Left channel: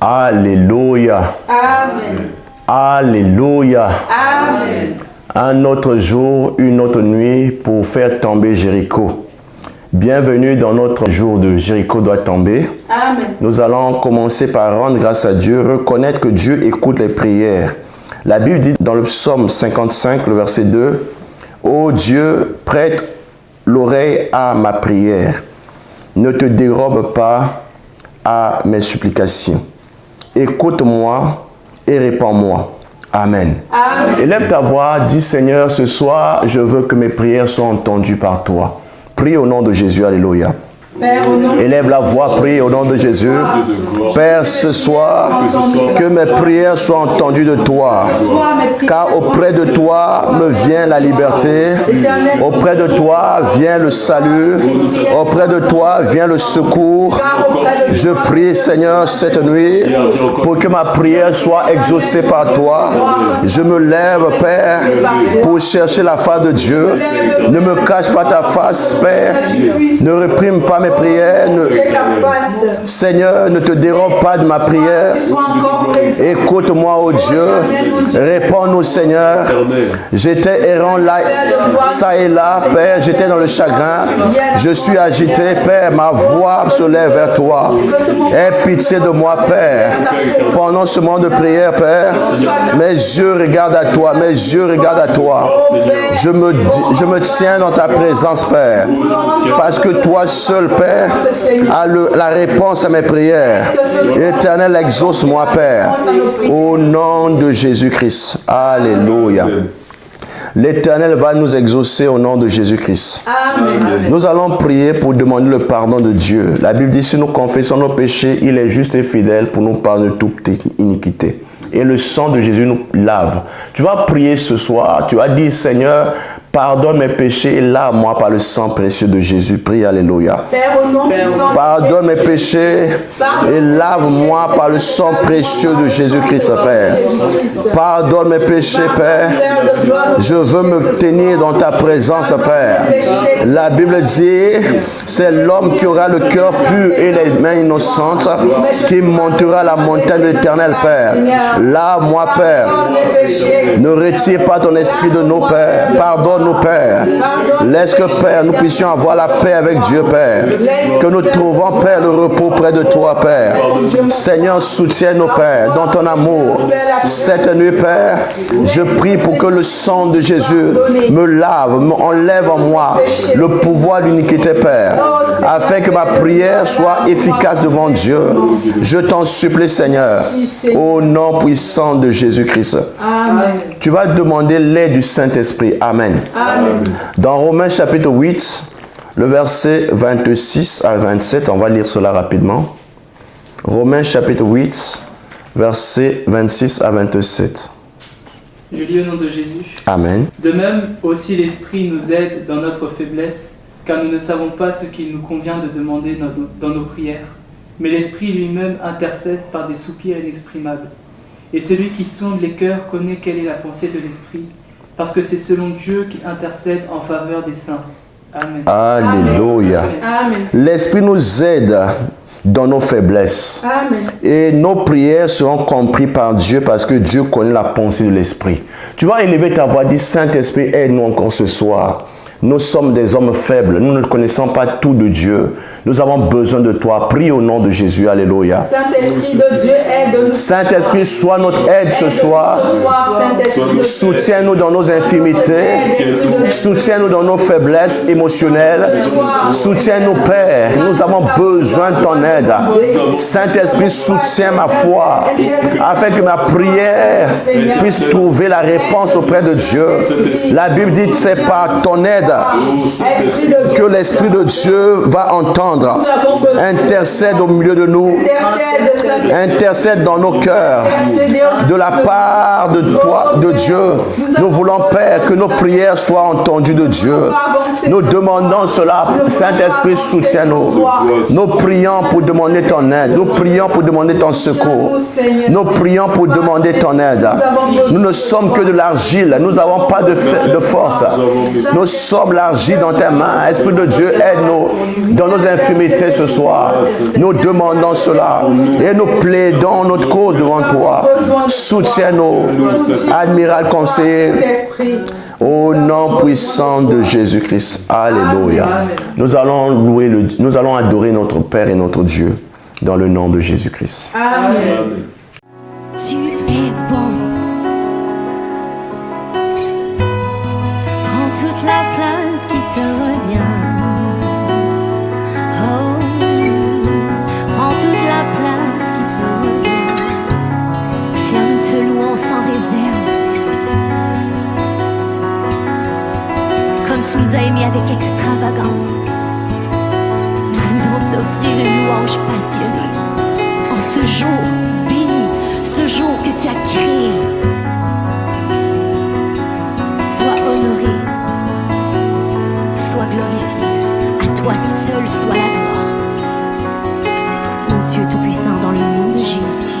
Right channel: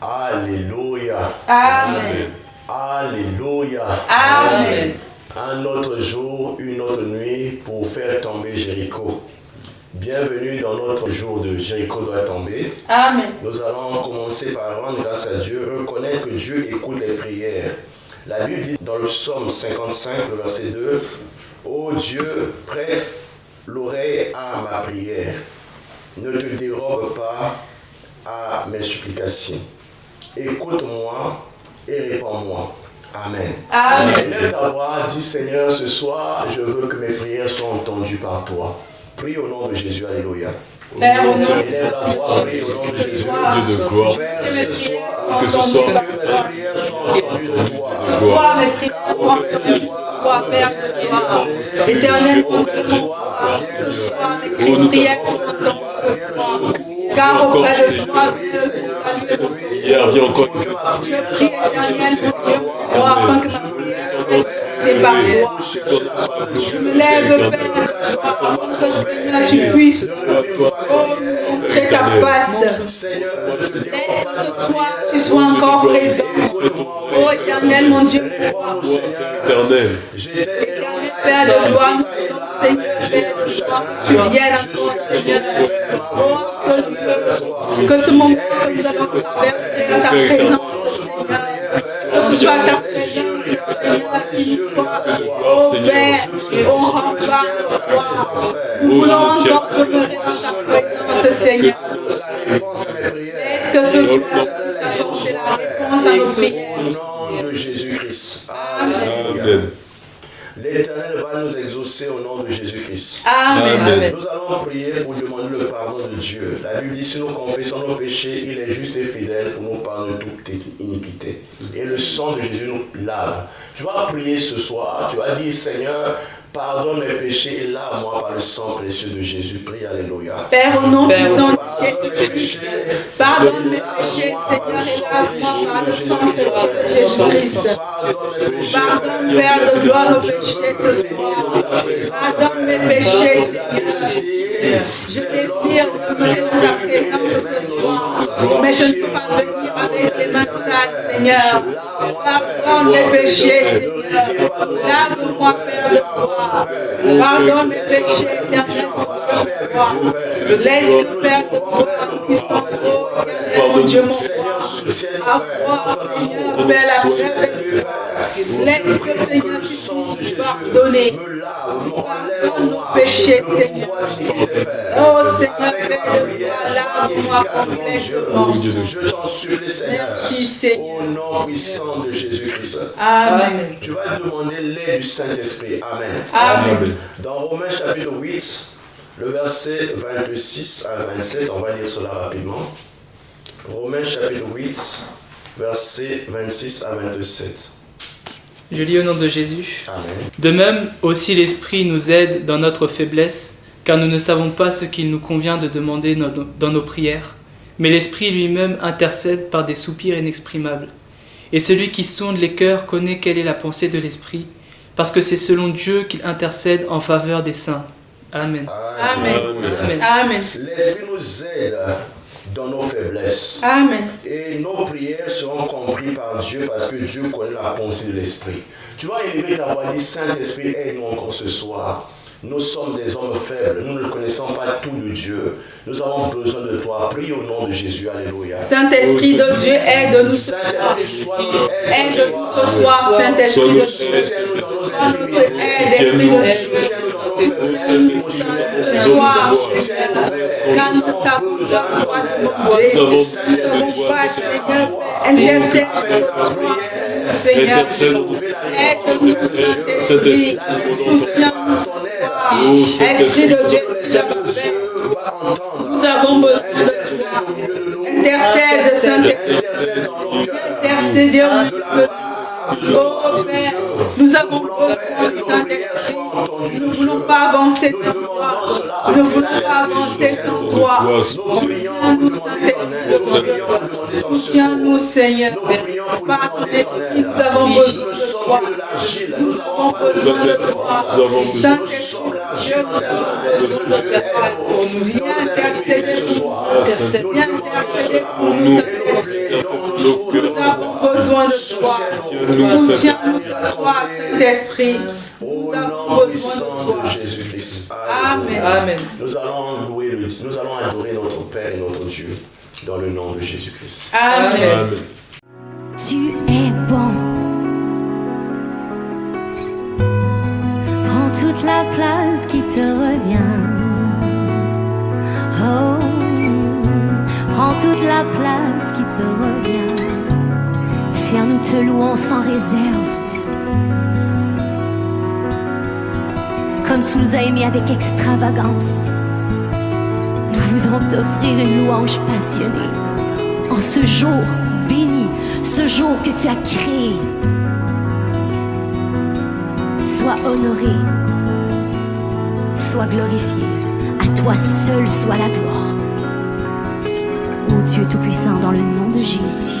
Alléluia. Amen. Alléluia. Amen. Un autre jour, une autre nuit pour faire tomber Jéricho. Bienvenue dans notre jour de Jéricho doit tomber. Amen. Nous allons commencer par rendre grâce à Dieu, reconnaître que Dieu écoute les prières. La Bible dit dans le psaume 55, le verset 2, « Ô Dieu, prête l'oreille à ma prière. Ne te dérobe pas à mes supplications. Écoute-moi et réponds-moi. Amen. » Amen. Élève ta voix, dis Seigneur, ce soir, je veux que mes prières soient entendues par toi. Prie au nom de Jésus, alléluia. Élève la voix, prie au nom de Jésus. Père, ce soir, que mes prières soient entendues de toi. Car auprès de toi me vient la liberté. Auprès de toi vient le salut. Auprès de toi vient le secours. Je prie, Seigneur, cette nuit, pour que ma prière soit exaucée par toi. Je me lève, Père, pour chercher la face de Dieu. Ne me cache pas ta face, Père. Ne réprime pas mes prières. Seigneur, ne te dérobe pas de ma prière. Écoute-moi, ô Dieu. Réponds-nous, Seigneur. J'étais errant là, ça et là, Père. J'étais dans le chagrin. Je suis agité, Père. Ma voix se lève vers toi. Aie pitié de moi, Père. Pendant ce moment de prière, Père, mes yeux regardent à toi. Mes yeux regardent à toi. Je me tiens dans ta présence, Père. Parce que toi seul, Père, a la réponse à mes prières. Éternel, exauce-moi, Père. Au nom de Jésus-Christ. Alléluia. L'Éternel va nous exaucer au nom de Jésus-Christ. Nous allons prier pour demander le pardon de Dieu. La Bible dit, si nous confessons nos péchés, il est juste et fidèle pour nous pardonner de toute iniquité. Et le sang de Jésus nous lave. Tu vas prier ce soir. Tu vas dire, Seigneur, pardonne mes péchés et lave-moi par le sang précieux de Jésus. Prie, alléluia. Père, au nom puissant, pardonne mes péchés et lave-moi par le sang précieux de Jésus-Christ, Père. Pardonne mes péchés, Père. Je veux me tenir dans ta présence, Père. La Bible dit, c'est l'homme qui aura le cœur pur et les mains innocentes qui montera la montagne de l'Éternel, Père. Lave-moi, Père. Ne retire pas ton esprit de nos pères. Pardonne-nous, Père. Laisse que, Père, nous puissions avoir la paix avec Dieu, Père. Que nous trouvons, Père, le repos près de toi, Père. Seigneur, soutiens-nous, Père, dans ton amour. Cette nuit, Père, je prie pour que le sang de Jésus me lave, enlève en moi le pouvoir d'iniquité, Père, afin que ma prière soit efficace devant Dieu. Je t'en supplie, Seigneur, au nom puissant de Jésus-Christ. Tu vas demander l'aide du Saint-Esprit. Amen. Amen. Dans Romains chapitre 8, le verset 26 à 27, on va lire cela rapidement. Romains chapitre 8, verset 26 à 27. Je lis au nom de Jésus. Amen. De même, aussi l'Esprit nous aide dans notre faiblesse, car nous ne savons pas ce qu'il nous convient de demander dans nos prières. Mais l'Esprit lui-même intercède par des soupirs inexprimables. Et celui qui sonde les cœurs connaît quelle est la pensée de l'Esprit, parce que c'est selon Dieu qu'il intercède en faveur des saints. Amen. Alléluia. Amen. L'Esprit nous aide dans nos faiblesses. Amen. Et nos prières seront comprises par Dieu parce que Dieu connaît la pensée de l'Esprit. Tu vas élever ta voix, dire Saint-Esprit, aide-nous encore ce soir. Nous sommes des hommes faibles, nous ne connaissons pas tout de Dieu. Nous avons besoin de toi. Prie au nom de Jésus. Alléluia. Saint-Esprit de Dieu, aide-nous. Saint-Esprit, sois notre aide ce soir. Soutiens-nous dans nos infimités. Soutiens-nous dans nos faiblesses émotionnelles. Soutiens-nous, Père. Nous avons besoin de ton aide. Saint-Esprit, soutiens ma foi afin que ma prière puisse trouver la réponse auprès de Dieu. La Bible dit que c'est par ton aide que l'Esprit de Dieu va entendre. Intercède au milieu de nous. Intercède dans nos cœurs. De la part de toi, de Dieu. Nous voulons, Père, que nos prières soient entendues de Dieu. Nous demandons cela. Saint-Esprit, soutiens-nous. Nous prions pour demander ton aide. Nous prions pour demander ton secours. Nous prions pour demander ton aide. Nous ne sommes que de l'argile. Nous n'avons pas de force. Nous sommes l'argile dans tes mains. Esprit de Dieu, aide-nous dans nos infirmités ce soir. Nous demandons cela et nous plaidons notre cause devant toi. Soutiens-nous, admirable conseiller, au nom puissant de Jésus-Christ. Alléluia. Nous allons nous allons adorer notre Père et notre Dieu dans le nom de Jésus-Christ. Amen. Tu es bon. Prends toute la place qui te revient. Oh, prends toute la place qui te revient. Seigneur, nous te louons sans réserve. Comme tu nous as aimés avec extravagance, nous voulons t'offrir une louange passionnée en ce jour béni, ce jour que tu as créé. Sois honoré, sois glorifié, à toi seul soit la gloire. Ô Dieu Tout-Puissant, dans le nom de Jésus.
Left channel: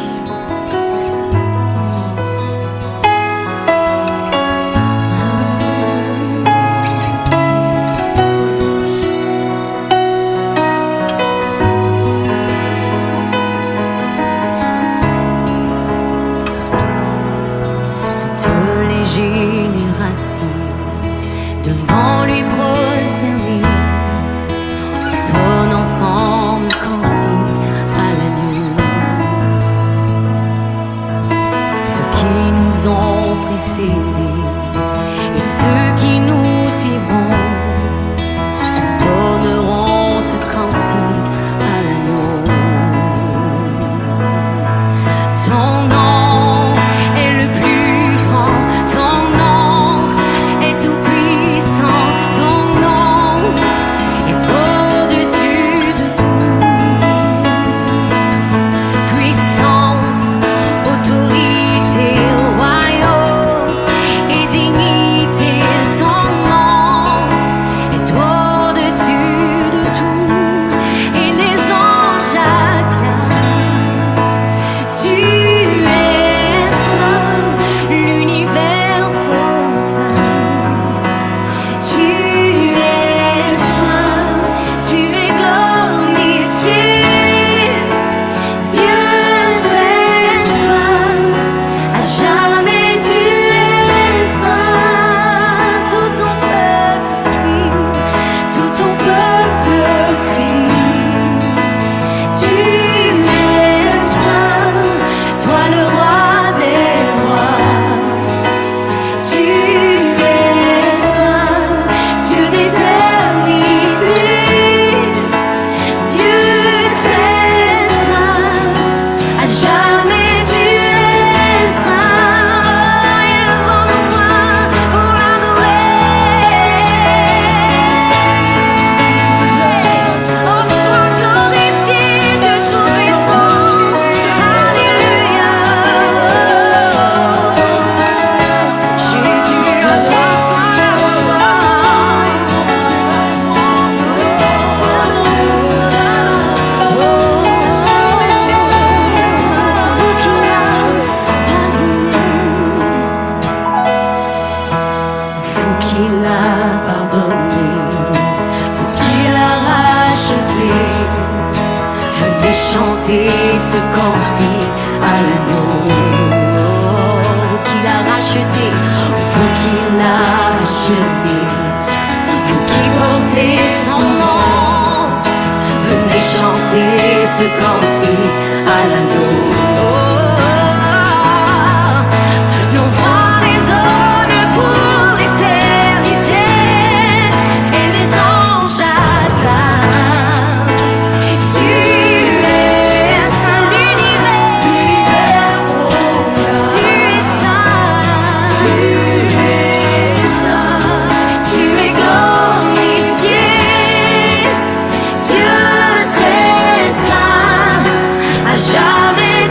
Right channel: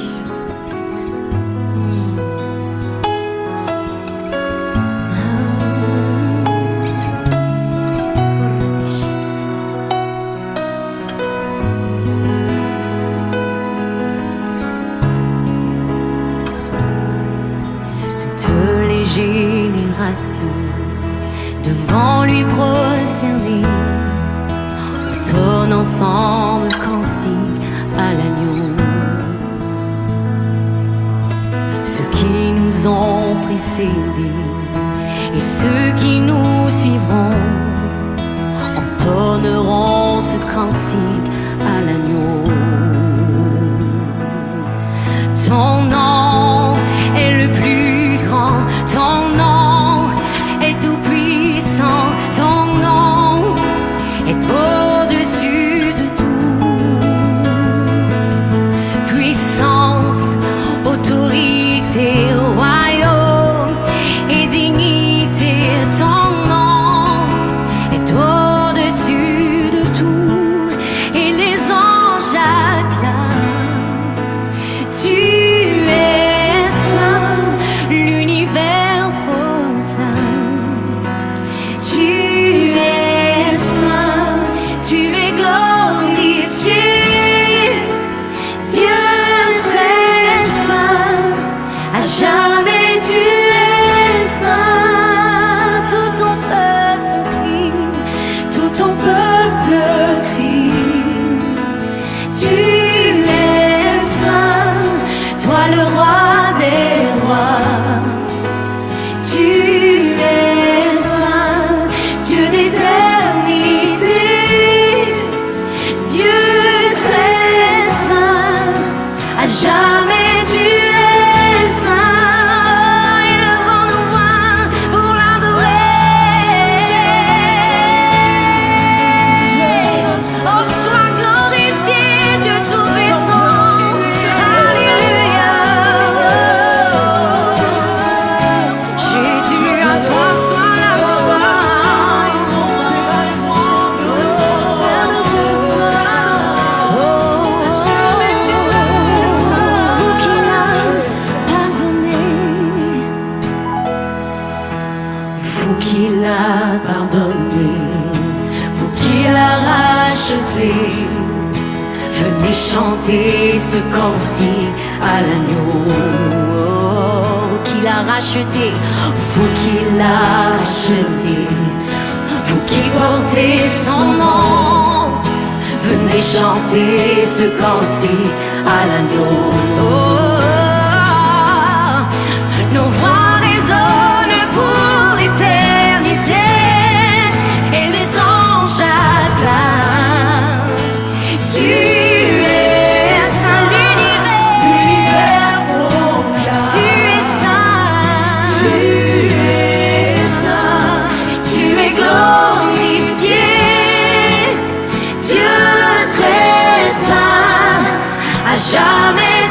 Devant lui prosterner, on ensemble cantique à l'agneau. Ceux qui nous ont précédés et ceux qui nous suivront entonneront ce cantique à l'agneau. Ton nom est le plus grand, ton nom est tout puissant, ton nom est au-dessus de tout. Puissance, autorité, royaume et dignité, ton nom est au-dessus de tout. Et les anges acclament. Tu es saint, l'univers proclame. Tu es saint, tu es glorifié. Dieu très saint, à jamais tu es saint. Tout ton peuple crie, tout ton peuple crie. Tu es saint, toi le roi des rois. Tu es saint, Dieu d'éternité. Dieu très saint, à jamais tu es saint. Élevons nos mains pour l'adorer. Oh, sois glorifié, Dieu tout-puissant. Alléluia. Jésus, à toi soit la gloire. Vous qu'il a pardonné, vous qu'il a racheté, venez chanter ce cantique à l'agneau. Vous qu'il a racheté, vous qu'il a racheté, vous qui portez son nom, venez chanter ce cantique à l'agneau. Nos voix résonnent pour l'éternité et les anges acclament. Tu es saint, l'univers proclame. Tu es saint, tu es glorifié. Dieu très saint, à jamais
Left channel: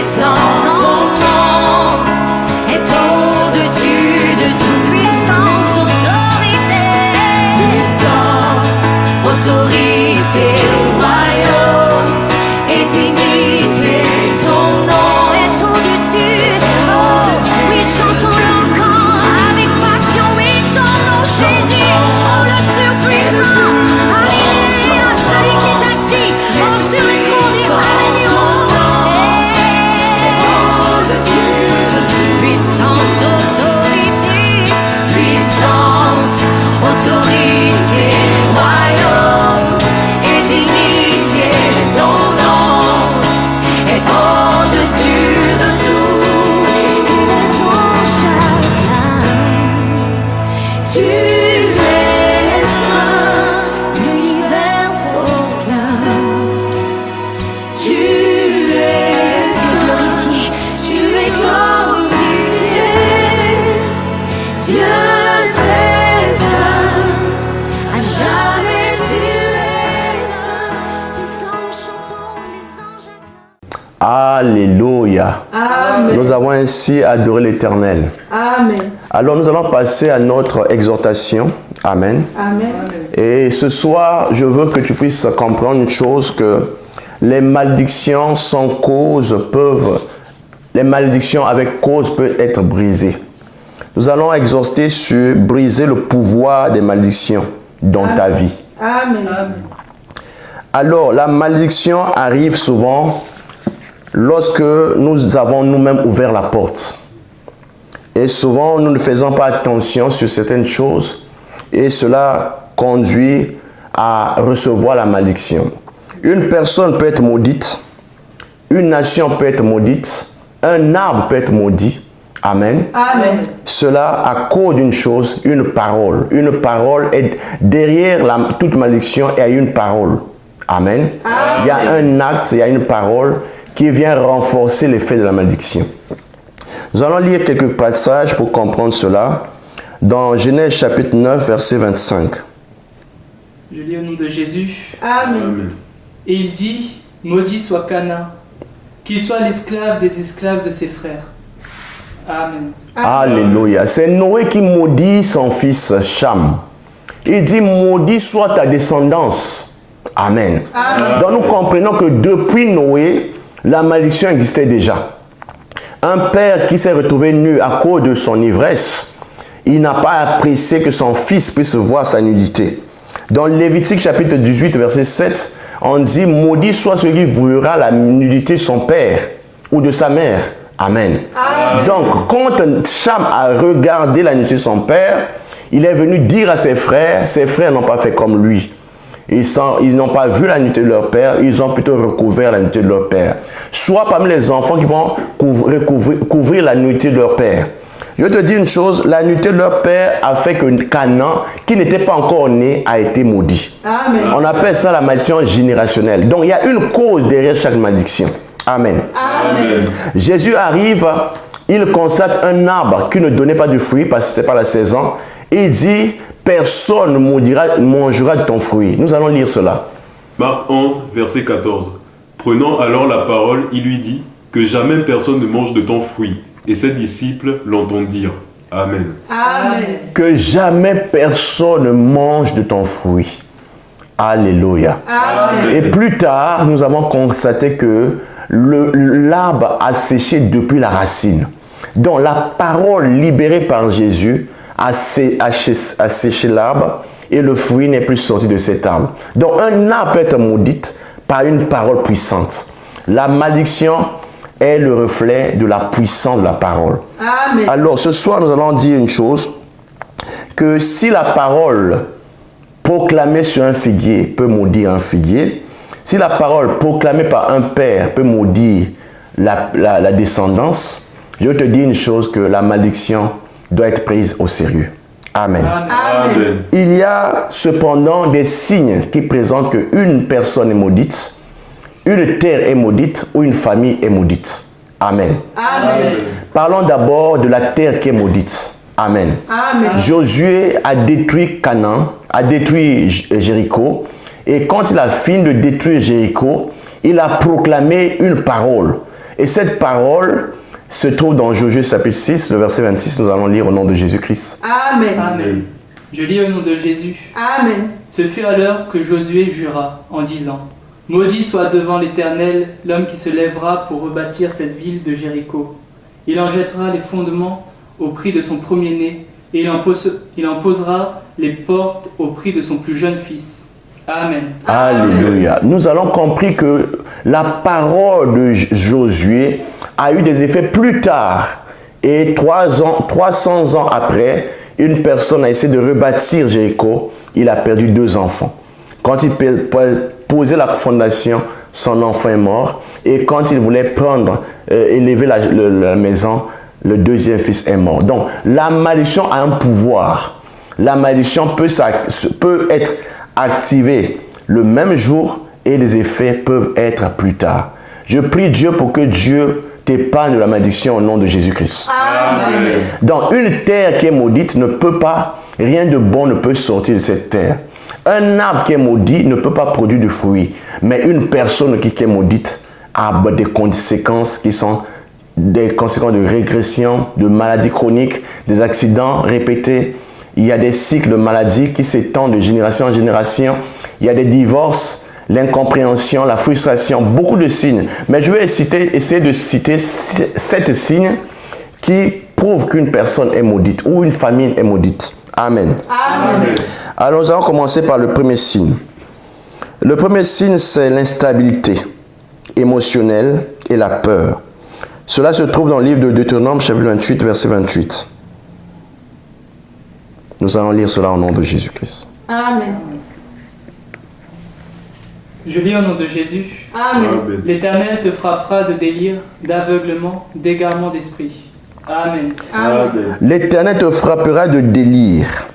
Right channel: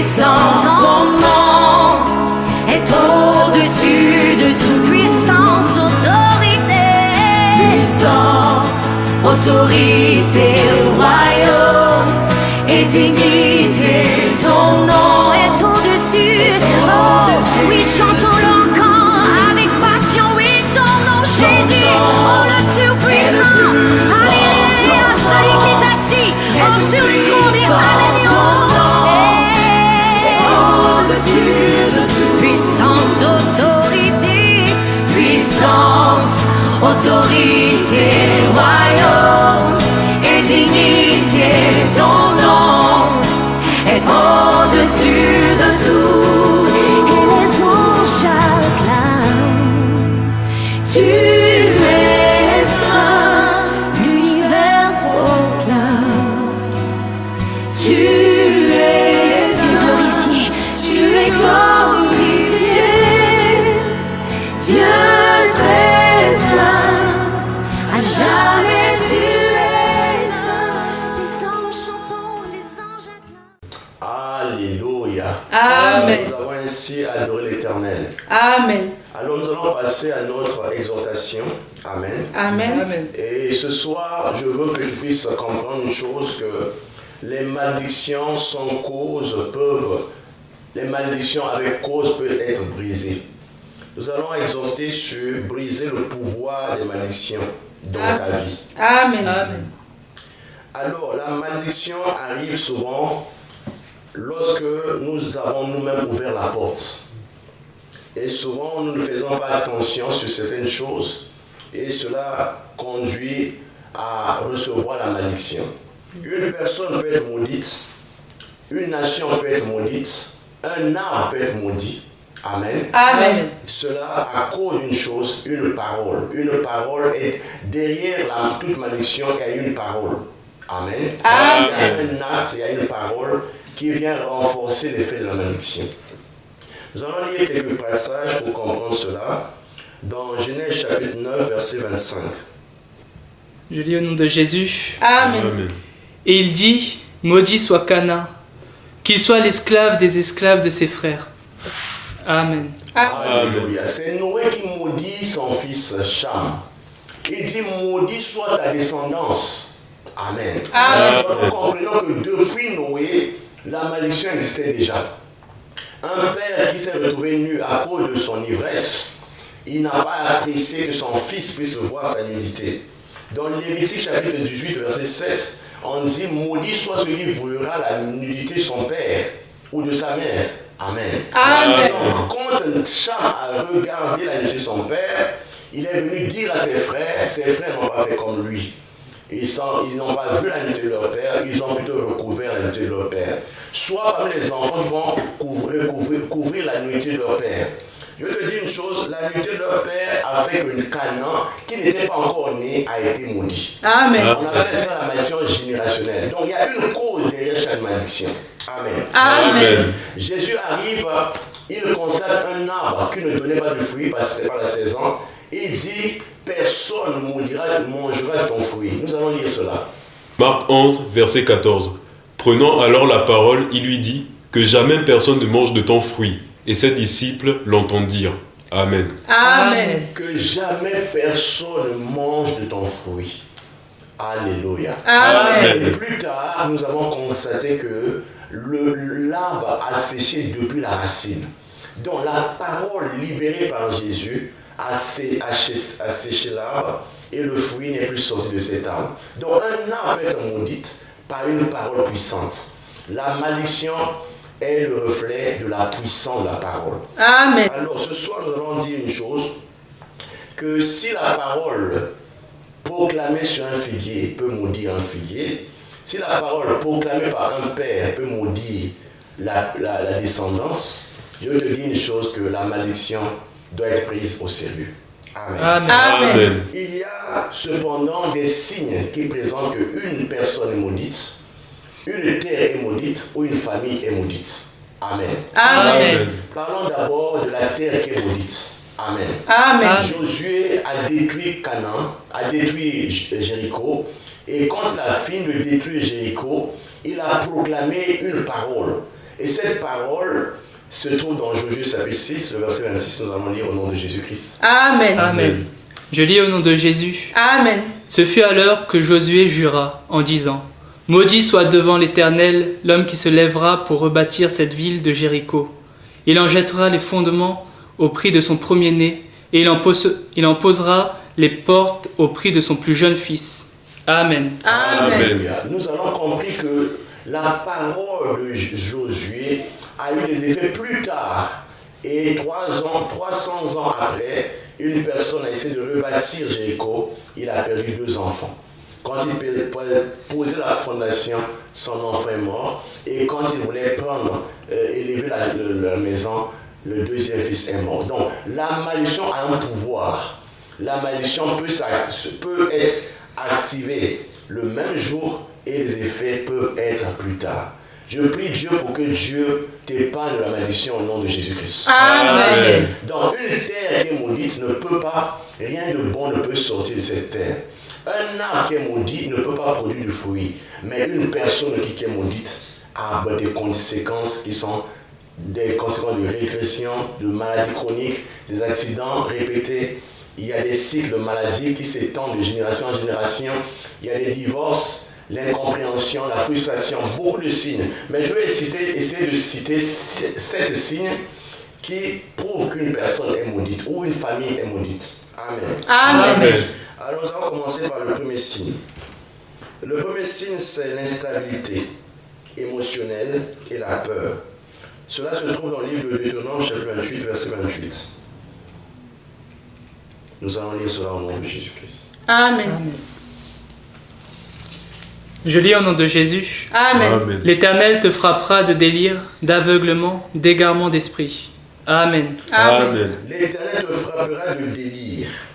puissant, ton nom est au-dessus de toute puissance, autorité. Puissance, autorité, royaume et dignité. Ton nom est au-dessus. Oh, oui, chantons-le encore avec passion. Oui, ton nom, Jésus. Oh, le Tout-Puissant. Alléluia. Celui qui est assis sur le trône. Et alléluia. Au-dessus de tout. Puissance, autorité. Puissance, autorité, royaume et dignité. Ton nom est au-dessus de tout. Et les anges acclament. Tu es saint, l'univers proclame. Tu es glorifié, tu es glorifié. Dieu très saint, à jamais tu es saint. Les anges chantons, les anges acclament. Alléluia. Amen. Nous avons ainsi adoré l'Éternel. Amen. Alors nous allons passer à notre exhortation. Amen. Amen. Et ce soir, je veux que tu puisses comprendre une chose, que les malédictions sans cause les malédictions avec cause peuvent être brisées. Nous allons exhorter sur briser le pouvoir des malédictions dans ta vie. Amen. Alors, la malédiction arrive souvent lorsque nous avons nous-mêmes ouvert la porte. Et souvent, nous ne faisons pas attention sur certaines choses et cela conduit à recevoir la malédiction. Une personne peut être maudite, une nation peut être maudite, un arbre peut être maudit. Amen. Amen. Cela à cause d'une chose, une parole. Une parole est derrière toute malédiction, il y a une parole. Amen. Il y a un acte, il y a une parole qui vient renforcer l'effet de la malédiction. Nous allons lire quelques passages pour comprendre cela. Dans Genèse chapitre 9, verset 25. Je lis au nom de Jésus. Amen. Et il dit, maudit soit Canaan, qu'il soit l'esclave des esclaves de ses frères. Amen. Alléluia. C'est Noé qui maudit son fils Cham. Il dit, maudit soit ta descendance. Amen. Amen. Donc nous comprenons que depuis Noé, la malédiction existait déjà. Un père qui s'est retrouvé nu à cause de son ivresse, il n'a pas apprécié que son fils puisse voir sa nudité. Dans Lévitique chapitre 18, verset 7, on dit, maudit soit celui qui verra la nudité de son père ou de sa mère. Amen. Amen. Donc, quand Cham a regardé la nudité de son père, il est venu dire à ses frères n'ont pas fait comme lui. Ils n'ont pas vu la nudité de leur père, ils ont plutôt recouvert la nudité de leur père. Soit parmi les enfants qui vont couvrir la nudité de leur père. Je te dis une chose, la nudité de leur père a fait que Canaan, qui n'était pas encore né, a été maudit. Amen. On appelle ça la malédiction générationnelle. Donc il y a une cause derrière chaque malédiction. Amen. Amen. Jésus arrive, il constate un arbre qui ne donnait pas de fruit parce que ce n'était pas la saison. Et il dit, personne ne mangera de ton fruit. Nous allons lire cela. Marc 11, verset 14. Prenant alors la parole, il lui dit, que jamais personne ne mange de ton fruit. Et ses disciples l'entendirent. Amen. Amen. Que jamais personne ne mange de ton fruit. Alléluia. Amen. Et plus tard, nous avons constaté que l'arbre a séché depuis la racine. Donc la parole libérée par Jésus a séché l'arbre et le fruit n'est plus sorti de cet arbre. Donc un arbre peut être maudit par une parole puissante. La malédiction est le reflet de la puissance de la parole. Amen. Alors ce soir, nous allons dire une chose, que si la parole proclamée sur un figuier peut maudire un figuier, si la parole proclamée par un père peut maudire la descendance, je te dis une chose, que la malédiction doit être prise au sérieux. Amen. Amen. Il y a cependant des signes qui présentent qu'une personne est maudite, une terre est maudite ou une famille est maudite. Amen. Amen. Parlons d'abord de la terre qui est maudite. Amen. Amen. Josué a détruit Canaan, a détruit Jéricho. Et quand il a fini de détruire Jéricho, il a proclamé une parole. Et cette parole se trouve dans Josué chapitre 6, le verset 26. Nous allons lire au nom de Jésus-Christ. Amen. Amen. Je lis au nom de Jésus. Amen. Ce fut alors que Josué jura en disant: Maudit soit devant l'Éternel l'homme qui se lèvera pour rebâtir cette ville de Jéricho. Il en jettera les fondements au prix de son premier-né, et il en posera les portes au prix de son plus jeune fils. Amen. Alléluia. Nous avons compris que la parole de Josué a eu des effets plus tard. Et 300 ans après, une personne a essayé de rebâtir Jéricho. Il a perdu 2 enfants. Quand il posait la fondation, son enfant est mort. Et quand il voulait élever la maison, le deuxième fils est mort. Donc, la malédiction a un pouvoir. La malédiction peut être activée le même jour et les effets peuvent être plus tard. Je prie Dieu pour que Dieu t'épargne de la malédiction au nom de Jésus-Christ. Amen. Dans une terre qui est maudite, rien de bon ne peut sortir de cette terre. Un arbre qui est maudit ne peut pas produire de fruits. Mais une personne qui est maudite a des conséquences qui sont des conséquences de régression, de maladies chroniques, des accidents répétés. Il y a des cycles de maladies qui s'étendent de génération en génération. Il y a des divorces, l'incompréhension, la frustration, beaucoup de signes. Mais je vais essayer de citer 7 signes qui prouvent qu'une personne est maudite ou une famille est maudite. Amen. Amen. Alors nous allons commencer par le premier signe. Le premier signe, c'est l'instabilité émotionnelle et la peur. Cela se trouve dans le livre de Deutéronome, chapitre 28, verset 28. Nous allons lire cela au nom de Jésus-Christ. Amen. Je lis au nom de Jésus. Amen. L'Éternel te frappera de délire, d'aveuglement, d'égarement d'esprit. Amen. Amen. L'Éternel te frappera de délire,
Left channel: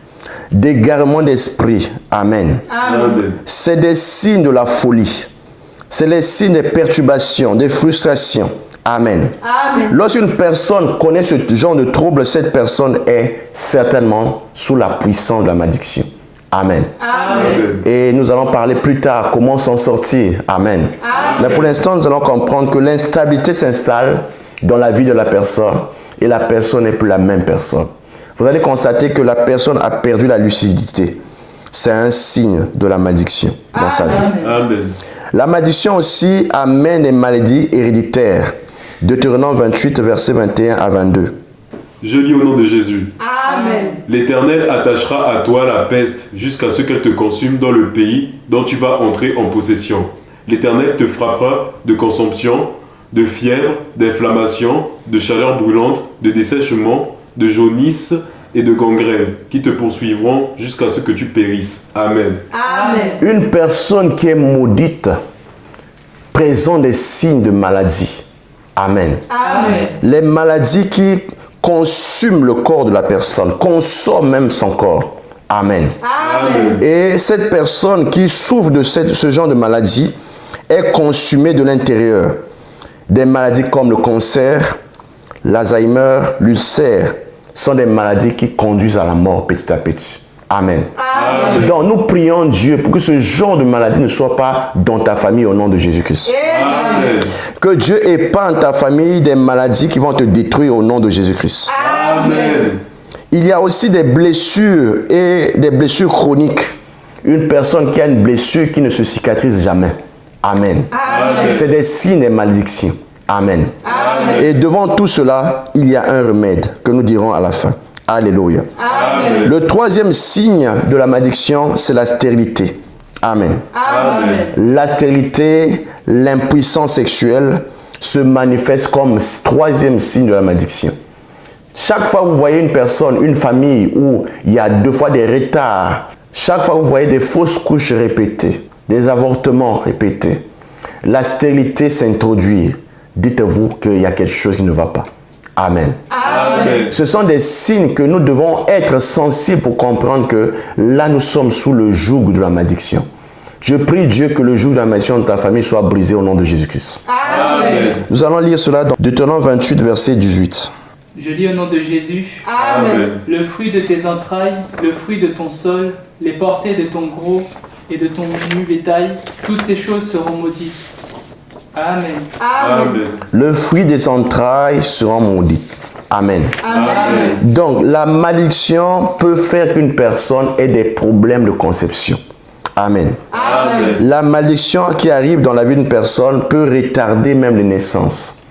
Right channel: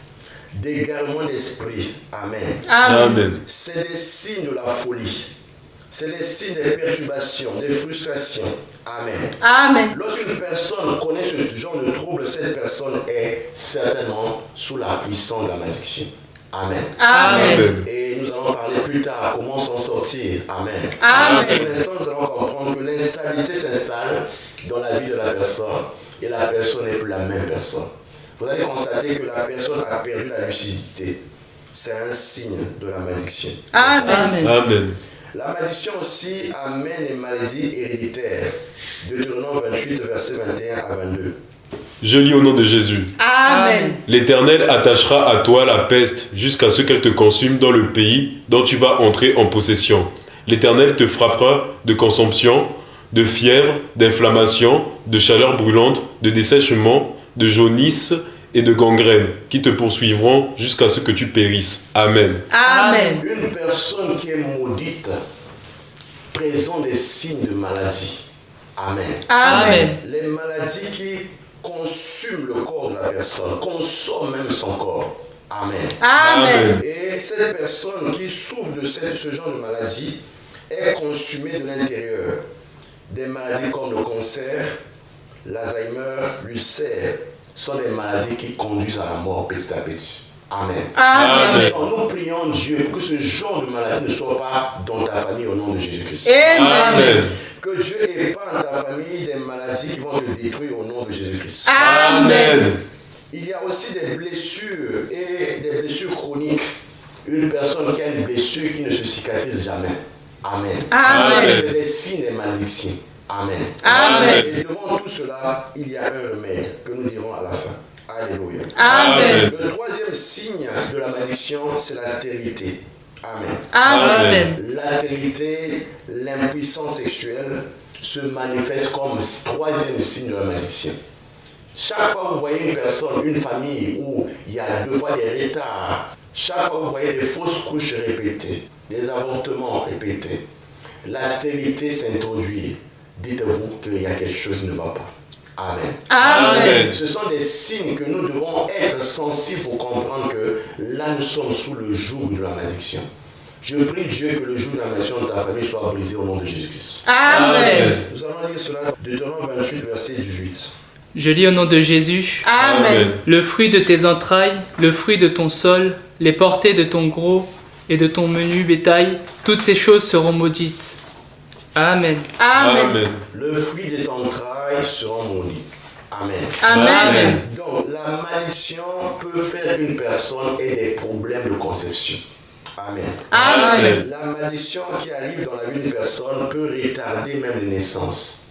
d'égarement d'esprit. Amen. Amen. C'est des signes de la folie. C'est les signes des perturbations, des frustrations. Amen. Amen. Lorsqu'une personne connaît ce genre de trouble, cette personne est certainement sous la puissance de la malédiction. Amen. Amen. Et nous allons parler plus tard comment s'en sortir. Amen. Amen. Mais pour l'instant, nous allons comprendre que l'instabilité s'installe dans la vie de la personne et la personne n'est plus la même personne. Vous allez constater que la personne a perdu la lucidité. C'est un signe de la malédiction dans sa vie. Amen. La malédiction aussi amène des maladies héréditaires. Deutéronome 28, versets 21 à 22. Je lis au nom de Jésus. Amen. L'Éternel attachera à toi la peste jusqu'à ce qu'elle te consume dans le pays dont tu vas entrer en possession. L'Éternel te frappera de consomption, de fièvre, d'inflammation, de chaleur brûlante, de dessèchement, de jaunisse et de gangrène qui te poursuivront jusqu'à ce que tu périsses. Amen. Amen. Une personne qui est maudite présente des signes de maladie. Amen. Amen. Les maladies qui consument le corps de la personne, consomment même son corps. Amen. Amen. Et cette personne qui souffre de ce genre de maladie est consumée de l'intérieur. Des maladies comme le cancer, l'Alzheimer, l'ulcère sont des maladies qui conduisent à la mort petit à petit. Amen. Amen. Donc nous prions Dieu pour que ce genre de maladie ne soit pas dans ta famille au nom de Jésus-Christ. Amen. Que Dieu épargne ta famille des maladies qui vont te détruire au nom de Jésus-Christ. Amen. Il y a aussi des blessures et des blessures chroniques. Une personne qui a une blessure qui ne se cicatrise jamais. Amen. Amen. C'est des signes des malédictions. Amen. Amen. Et devant tout cela, il y a un remède que nous dirons à la fin. Alléluia. Amen. Le troisième signe de la malédiction, c'est la stérilité. Amen. Amen. La stérilité, l'impuissance sexuelle se manifeste comme troisième signe de la malédiction. Chaque fois que vous voyez une personne, une famille où il y a 2 fois des retards, chaque fois que vous voyez des fausses couches répétées, des avortements répétés, la stérilité s'introduit. Dites-vous qu'il y a quelque chose qui ne va pas. Amen. Amen. Ce sont des signes que nous devons être sensibles pour comprendre que là nous sommes sous le joug de la malédiction. Je prie Dieu que le joug de la malédiction de ta famille soit brisé au nom de Jésus-Christ. Amen. Nous allons lire cela dans Deutéronome 28, verset 18. Je lis au nom de Jésus. Amen. Le fruit de tes entrailles, le fruit de ton sol, les portées de ton gros et de ton menu bétail, toutes ces choses seront maudites. Amen. Amen. Le fruit des entrailles sera maudit. Amen. Amen. Donc, la malédiction peut faire qu'une personne ait des problèmes de conception. Amen. Amen. La malédiction qui arrive dans la vie d'une personne peut retarder même les naissances.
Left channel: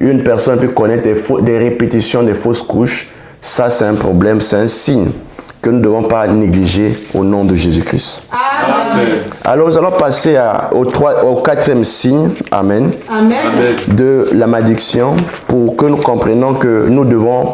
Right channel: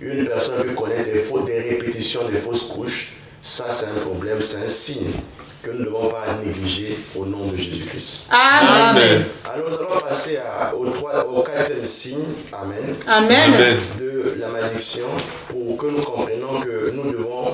Une personne peut connaître des répétitions des fausses couches. Ça, c'est un problème, c'est un signe que nous ne devons pas négliger au nom de Jésus-Christ. Amen. Alors, nous allons passer au quatrième signe, Amen, Amen. de la malédiction pour que nous comprenions que nous devons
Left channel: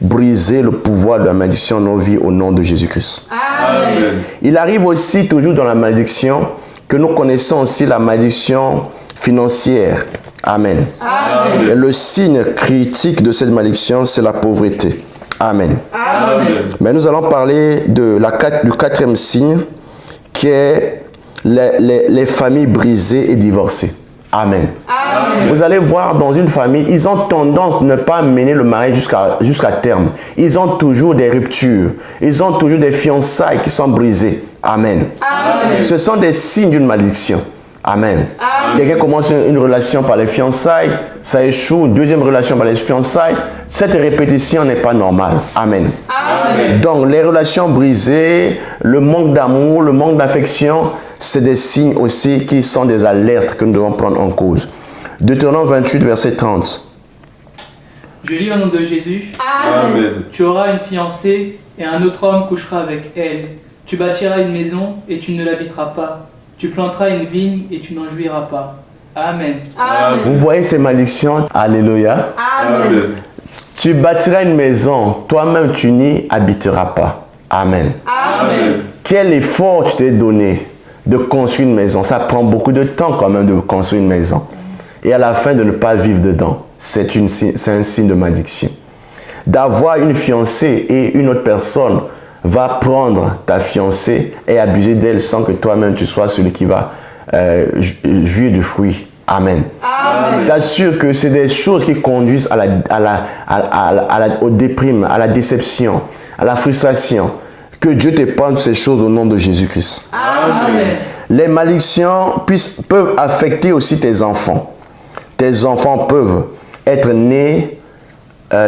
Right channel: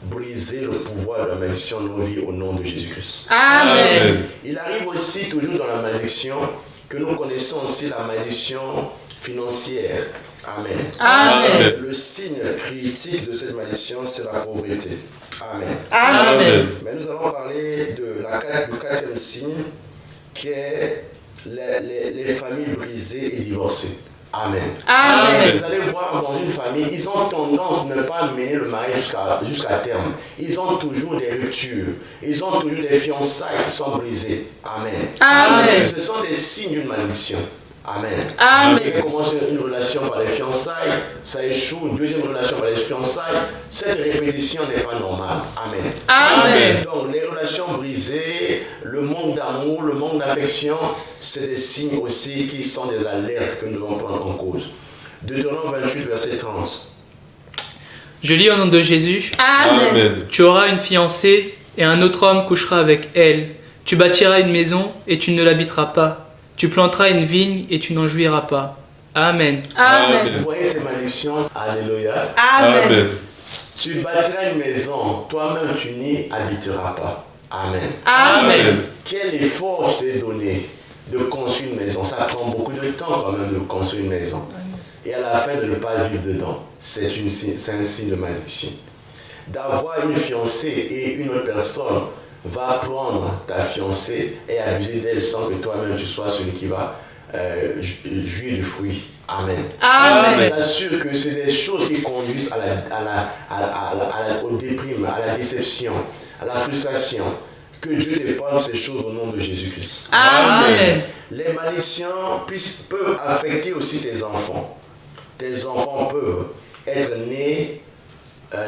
briser le pouvoir de la malédiction dans nos vies au nom de Jésus-Christ. Amen. Il arrive aussi toujours dans la malédiction que nous connaissons aussi la malédiction financière. Amen. Amen. Et le signe critique de cette malédiction, c'est la pauvreté. Amen. Amen. Mais nous allons parler du quatrième signe qui est les familles brisées et divorcées. Amen. Amen. Vous allez voir dans une famille, ils ont tendance à ne pas mener le mariage jusqu'à terme. Ils ont toujours des ruptures. Ils ont toujours des fiançailles qui sont brisées. Amen. Amen. Ce sont des signes d'une malédiction. Amen. Amen. Quelqu'un commence une relation par les fiançailles, ça échoue, deuxième relation par les fiançailles. Cette répétition n'est pas normale. Amen. Amen. Donc les relations brisées, le manque d'amour, le manque d'affection, c'est des signes aussi qui sont des alertes que nous devons prendre en cause. Deutéronome 28, verset 30. Je lis au nom de Jésus. Amen. Tu auras une fiancée et un autre homme couchera avec elle. Tu bâtiras une maison et tu ne l'habiteras pas. Tu planteras une vigne et tu n'en jouiras pas. Amen. Amen. Vous voyez ces malédictions? Alléluia. Amen. Tu bâtiras une maison, toi-même tu n'y habiteras pas. Amen. Amen. Quel effort tu t'es donné de construire une maison? Ça prend beaucoup de temps quand même de construire une maison. Et à la fin de ne pas vivre dedans, c'est un signe de malédiction. D'avoir une fiancée et une autre personne va prendre ta fiancée et abuser d'elle sans que toi-même tu sois celui qui va jouir du fruit. Amen. Amen. T'assure que c'est des choses qui conduisent au déprime, à la déception, à la frustration. Que Dieu t'épargne ces choses au nom de Jésus-Christ. Amen. Les malédictions peuvent affecter aussi tes enfants. Tes enfants peuvent être nés,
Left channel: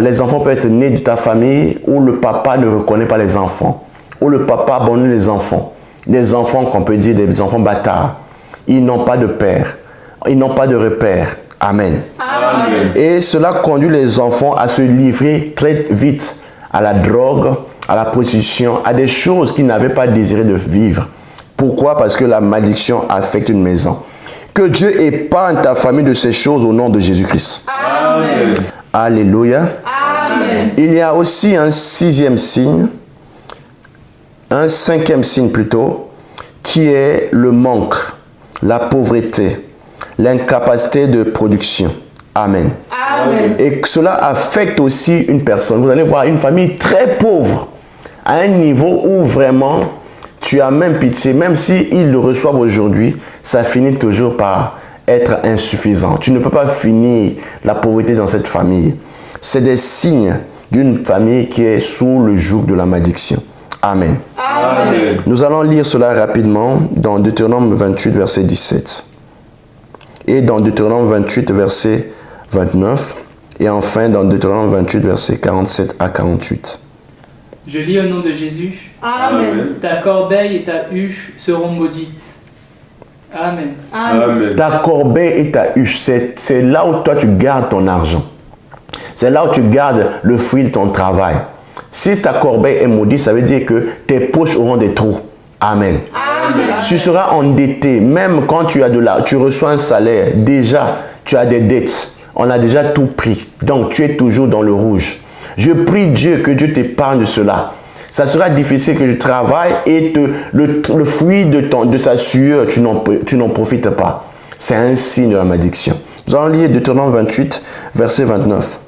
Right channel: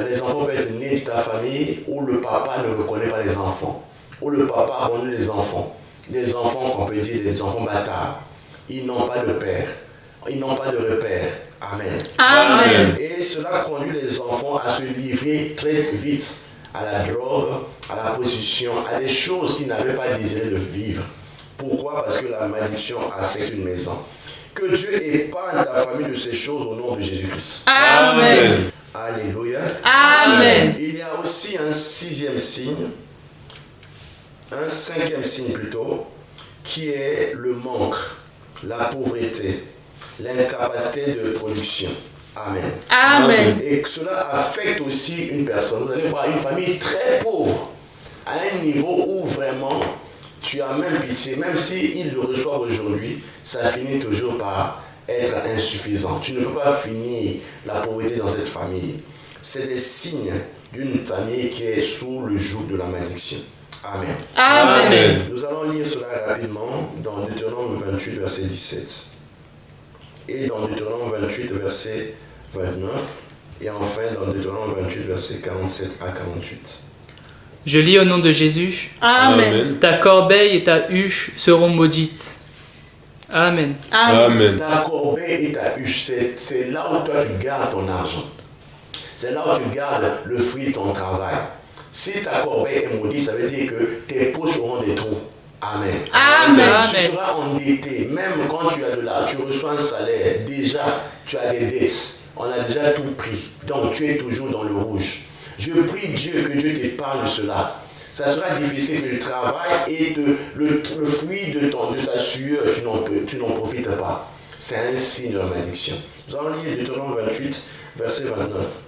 les enfants peuvent être nés de ta famille où le papa ne reconnaît pas les enfants, où le papa abandonne les enfants. Des enfants qu'on peut dire des enfants bâtards. Ils n'ont pas de père, ils n'ont pas de repère. Amen. Amen. Et cela conduit les enfants à se livrer très vite à la drogue, à la prostitution, à des choses qu'ils n'avaient pas désiré de vivre. Pourquoi? Parce que la malédiction affecte une maison. Que Dieu épargne ta famille de ces choses au nom de Jésus-Christ. Amen. Alléluia. Amen. Il y a aussi un cinquième signe plutôt, qui est le manque, la pauvreté, l'incapacité de production. Amen. Amen. Et que cela affecte aussi une personne. Vous allez voir une famille très pauvre, à un niveau où vraiment tu as même pitié, même s'ils le reçoivent aujourd'hui, ça finit toujours par être insuffisant. Tu ne peux pas finir la pauvreté dans cette famille. C'est des signes d'une famille qui est sous le joug de la malédiction. Amen. Amen. Nous allons lire cela rapidement dans Deutéronome 28, verset 17. Et dans Deutéronome 28, verset 29. Et enfin dans Deutéronome 28, verset 47 à 48. Je lis au nom de Jésus. Amen. Ta corbeille et ta huche seront maudites. Amen. Amen. Ta corbeille et ta huche, c'est là où toi tu gardes ton argent. C'est là où tu gardes le fruit de ton travail. Si ta corbeille est maudite, ça veut dire que tes poches auront des trous. Amen. Amen. Tu seras endetté, même quand tu reçois un salaire, déjà tu as des dettes. On a déjà tout pris. Donc tu es toujours dans le rouge. Je prie Dieu que Dieu t'épargne de cela. Ça sera difficile que tu travailles et le fruit de ta sueur, tu n'en profites pas. C'est un signe de la malédiction. Nous allons lire Deutéronome 28, verset 29.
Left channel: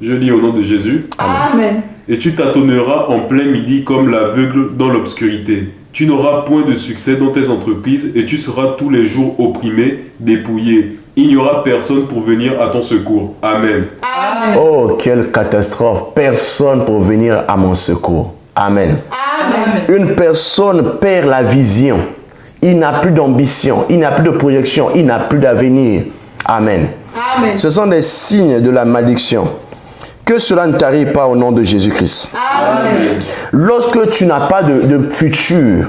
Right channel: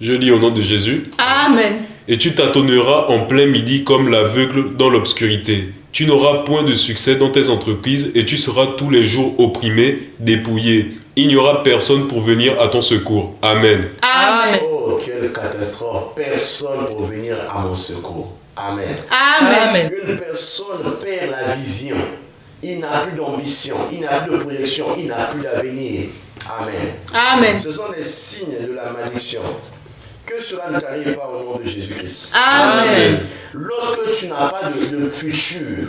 Je lis au nom de Jésus. Amen. Et tu tâtonneras en plein midi comme l'aveugle dans l'obscurité. Tu n'auras point de succès dans tes entreprises et tu seras tous les jours opprimé, dépouillé. Il n'y aura personne pour venir à ton secours. Amen. Amen. Oh, quelle catastrophe! Personne pour venir à mon secours. Amen. Amen. Une personne perd la vision. Il n'a plus d'ambition, il n'a plus de projection, il n'a plus d'avenir. Amen. Amen. Ce sont des signes de la malédiction. Que cela ne t'arrive pas au nom de Jésus-Christ. Amen. Lorsque tu n'as pas de futur,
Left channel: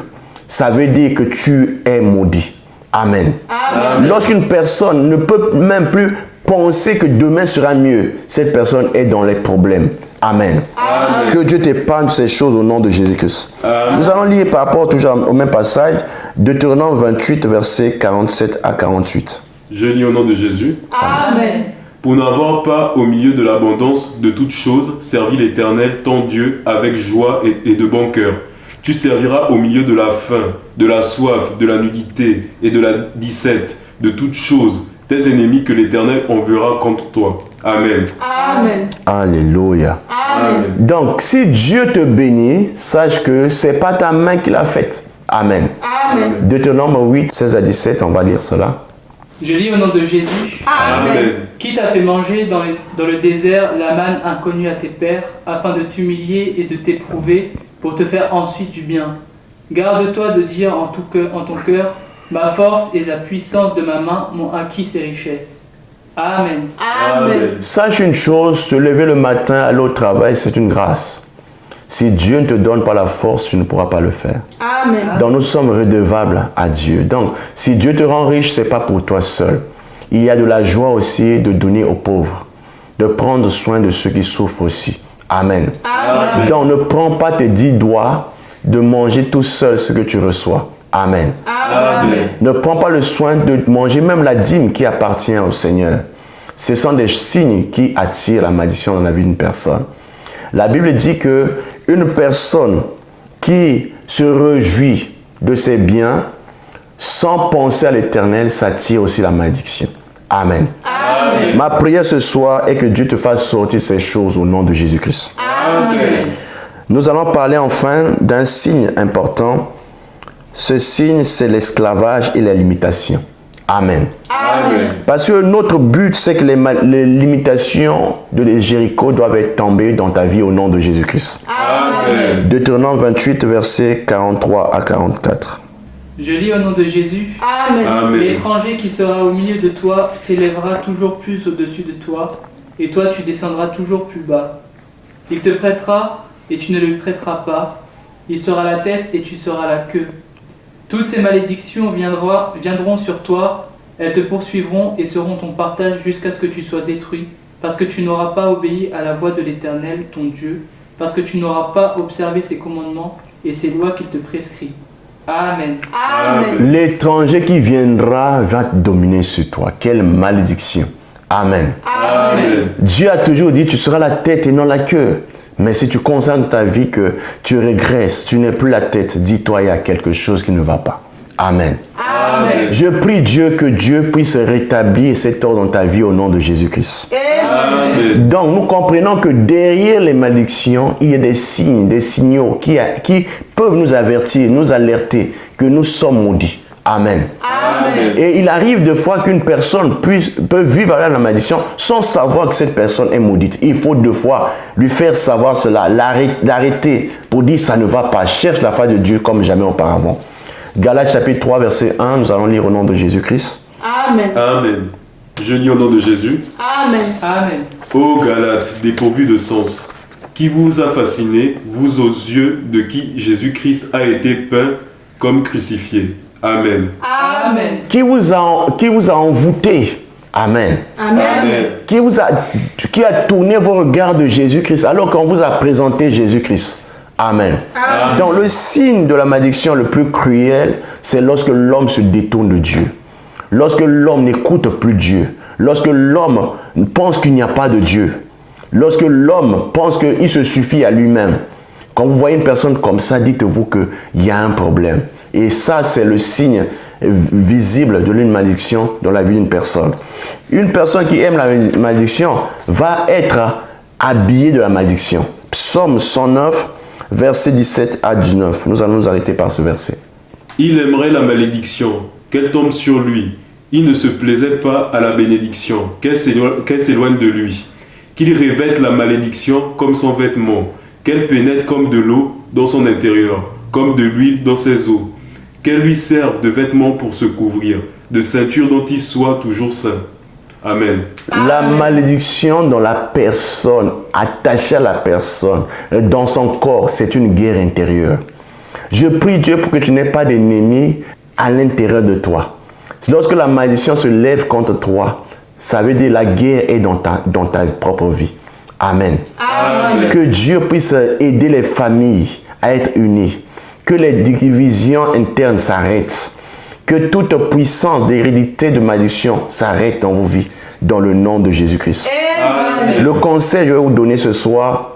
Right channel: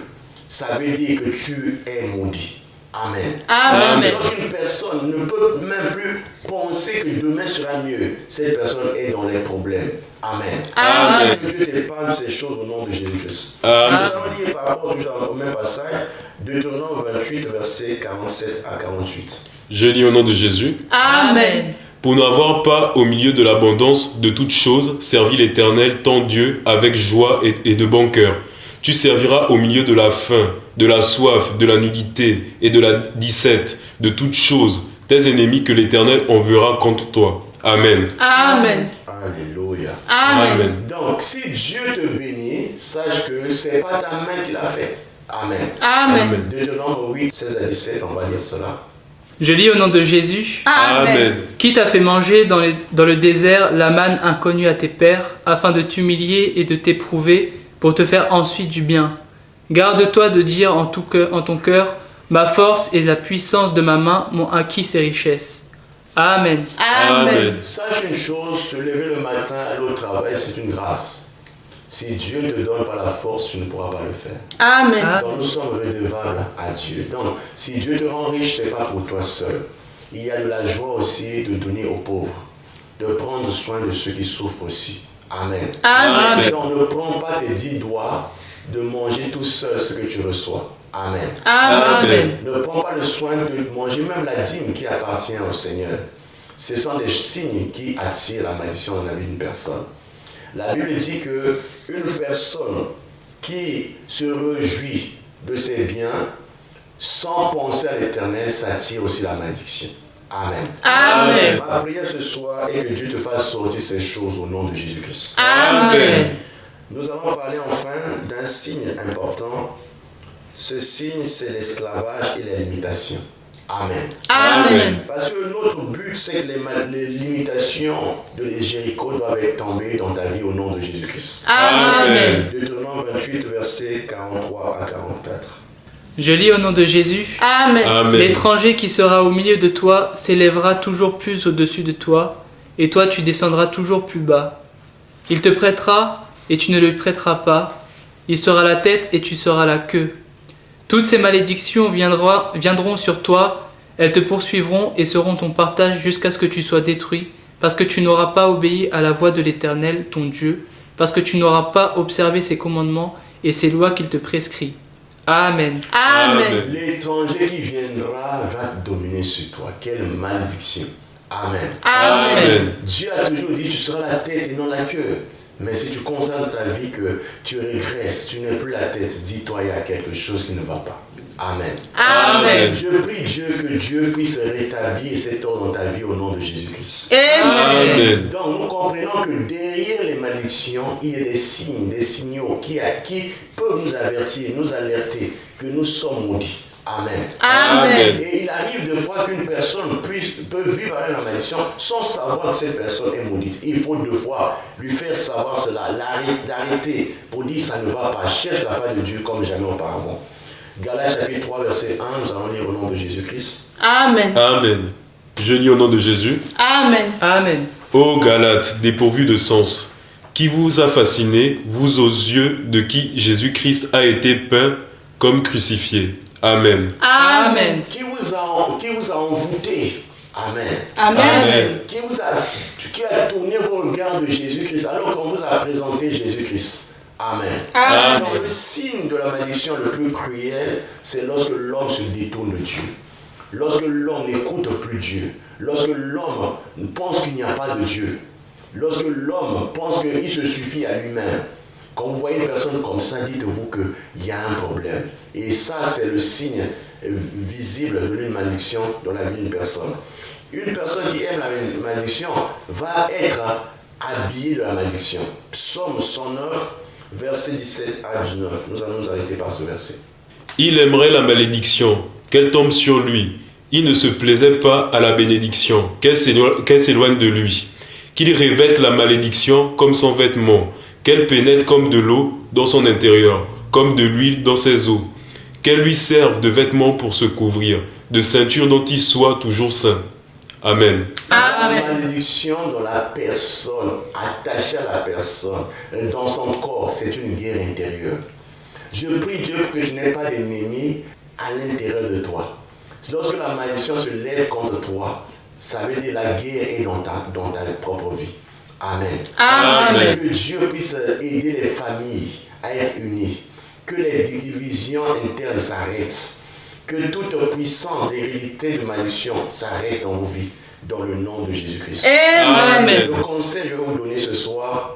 ça veut dire que tu es maudit. Amen. Amen. Lorsqu'une personne ne peut même plus penser que demain sera mieux, cette personne est dans les problèmes. Amen. Amen. Que Dieu t'épargne ces choses au nom de Jésus-Christ. Nous allons lire par rapport toujours au même passage, Deutéronome 28, versets 47 à 48. Je lis au nom de Jésus. Amen. Pour n'avoir pas au milieu de l'abondance de toutes choses servi l'Éternel, ton Dieu, avec joie et de bon cœur. Tu serviras au milieu de la faim, de la soif, de la nudité et de la disette, de toutes choses, tes ennemis que l'Éternel enverra contre toi. Amen. Amen. Alléluia. Amen. Donc, si Dieu te bénit, sache que ce n'est pas ta main qui l'a faite. Amen. Amen. Deutéronome 8, 16 à 17, on va lire cela. Je lis au nom de Jésus. Amen. Qui t'a fait manger dans le désert la manne inconnue à tes pères, afin de t'humilier et de t'éprouver, pour te faire ensuite du bien. Garde-toi de dire en ton cœur, ma force et la puissance de ma main m'ont acquis ces richesses. Amen. Amen. Sache une chose, te lever le matin, aller au travail, c'est une grâce. Si Dieu ne te donne pas la force, tu ne pourras pas le faire. Amen. Donc nous sommes redevables à Dieu. Donc si Dieu te rend riche, ce n'est pas pour toi seul. Il y a de la joie aussi de donner aux pauvres, de prendre soin de ceux qui souffrent aussi. Amen. Amen. Donc ne prends pas tes 10 doigts de manger tout seul ce que tu reçois. Amen. Amen. Ne prends pas le soin de manger même la dîme qui appartient au Seigneur. Ce sont des signes qui attirent la malédiction dans la vie d'une personne. La Bible dit que une personne qui se réjouit de ses biens sans penser à l'Éternel, ça attire aussi la malédiction. Amen. Amen. Ma prière ce soir est que Dieu te fasse sortir ces choses au nom de Jésus-Christ. Amen. Nous allons parler enfin d'un signe important. Ce signe, c'est l'esclavage et la limitation. Amen. Amen. Parce que notre but, c'est que les limitations de Jéricho doivent être tombées dans ta vie au nom de Jésus-Christ. Amen. Deutéronome 28, versets 43 à 44. Je lis au nom de Jésus. Amen. Amen. L'étranger qui sera au milieu de toi s'élèvera toujours plus au-dessus de toi, et toi tu descendras toujours plus bas. Il te prêtera, et tu ne lui prêteras pas. Il sera la tête, et tu seras la queue. Toutes ces malédictions viendront sur toi, elles te poursuivront et seront ton partage jusqu'à ce que tu sois détruit, parce que tu n'auras pas obéi à la voix de l'Éternel, ton Dieu, parce que tu n'auras pas observé ses commandements et ses lois qu'il te prescrit. Amen. Amen. L'étranger qui viendra va dominer sur toi. Quelle malédiction. Amen. Amen. Dieu a toujours dit, tu seras la tête et non la queue. Mais si tu constates ta vie que tu régresses, tu n'es plus la tête, dis-toi, il y a quelque chose qui ne va pas. Amen. Amen. Je prie Dieu que Dieu puisse rétablir cet ordre dans ta vie au nom de Jésus-Christ. Amen. Donc nous comprenons que derrière les malédictions, il y a des signes, des signaux qui peuvent nous avertir, nous alerter que nous sommes maudits. Amen. Amen. Et il arrive de fois qu'une personne peut vivre avec la malédiction sans savoir que cette personne est maudite. Il faut deux fois lui faire savoir cela, l'arrêter pour dire ça ne va pas. Cherche la face de Dieu comme jamais auparavant. Galates chapitre 3 verset 1, nous allons lire au nom de Jésus-Christ. Amen. Amen. Je lis au nom de Jésus. Amen. Amen. Ô Galates, dépourvus de sens, qui vous a fasciné, vous aux yeux de qui Jésus-Christ a été peint comme crucifié. Amen. Amen. Qui vous a envoûté. Amen. Amen. Qui a tourné vos regards de Jésus-Christ alors qu'on vous a présenté Jésus-Christ. Amen. Amen. Donc le signe de la malédiction le plus cruel, c'est lorsque l'homme se détourne de Dieu. Lorsque l'homme n'écoute plus Dieu. Lorsque l'homme pense qu'il n'y a pas de Dieu. Lorsque l'homme pense qu'il se suffit à lui-même. Quand vous voyez une personne comme ça, dites-vous qu'il y a un problème. Et ça, c'est le signe visible de l'une malédiction dans la vie d'une personne. Une personne qui aime la malédiction va être habillée de la malédiction. Psaume 109, versets 17 à 19. Nous allons nous arrêter par ce verset. Il aimerait la malédiction, qu'elle tombe sur lui. Il ne se plaisait pas à la bénédiction, qu'elle s'éloigne de lui. Qu'il revête la malédiction comme son vêtement, qu'elle pénètre comme de l'eau dans son intérieur, comme de l'huile dans ses os. Qu'elle lui serve de vêtement pour se couvrir, de ceinture dont il soit toujours saint. Amen. La malédiction dans la personne, attachée à la personne, dans son corps, c'est une guerre intérieure. Je prie Dieu pour que tu n'aies pas d'ennemis à l'intérieur de toi. Lorsque la malédiction se lève contre toi, ça veut dire la guerre est dans ta propre vie. Amen. Amen. Que Dieu puisse aider les familles à être unies. Que les divisions internes s'arrêtent. Que toute puissance d'hérédité de malédiction s'arrête dans vos vies. Dans le nom de Jésus-Christ. Amen. Le conseil que je vais vous donner ce soir,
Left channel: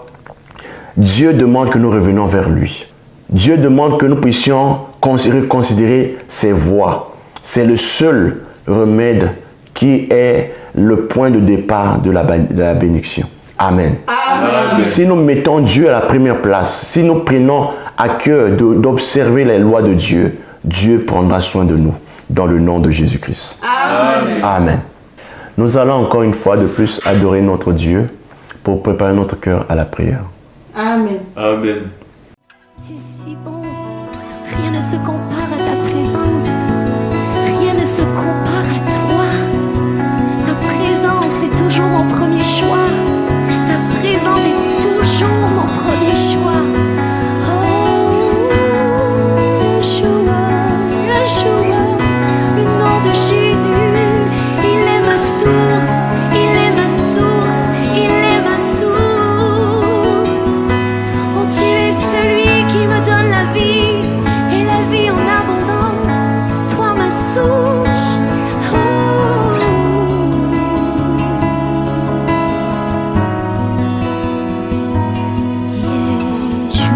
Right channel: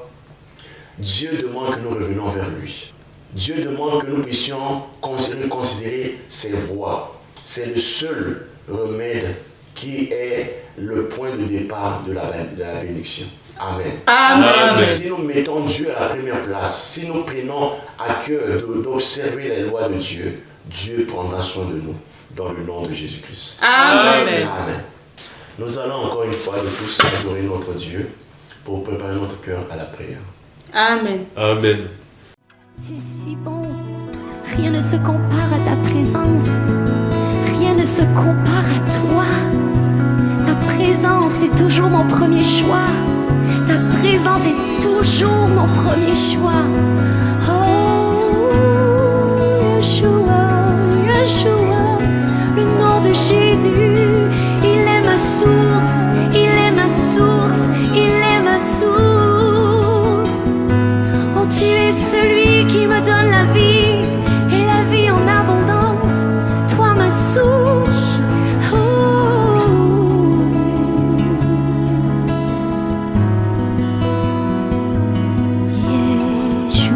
Dieu demande que nous revenions vers lui. Dieu demande que nous puissions considérer ses voies. C'est le seul remède qui est le point de départ de la bénédiction. Amen. Amen. Si nous mettons Dieu à la première place, si nous prenons à cœur d'observer les lois de Dieu, Dieu prendra soin de nous dans le nom de Jésus-Christ. Amen. Amen. Nous allons encore une fois de plus adorer notre Dieu pour préparer notre cœur à la prière. Amen. Amen. Tu es si bon, rien ne se compare à ta présence, rien ne se compare à toi. Ta présence est toujours mon premier choix, ta présence est toujours mon premier choix. Oh, Yeshua, Yeshua, le nom de Jésus, il est ma source, il est ma source, il est ma source. Oh, tu es celui qui me donne la vie et la vie en abondance. Toi, ma source. Oh. Yeshua.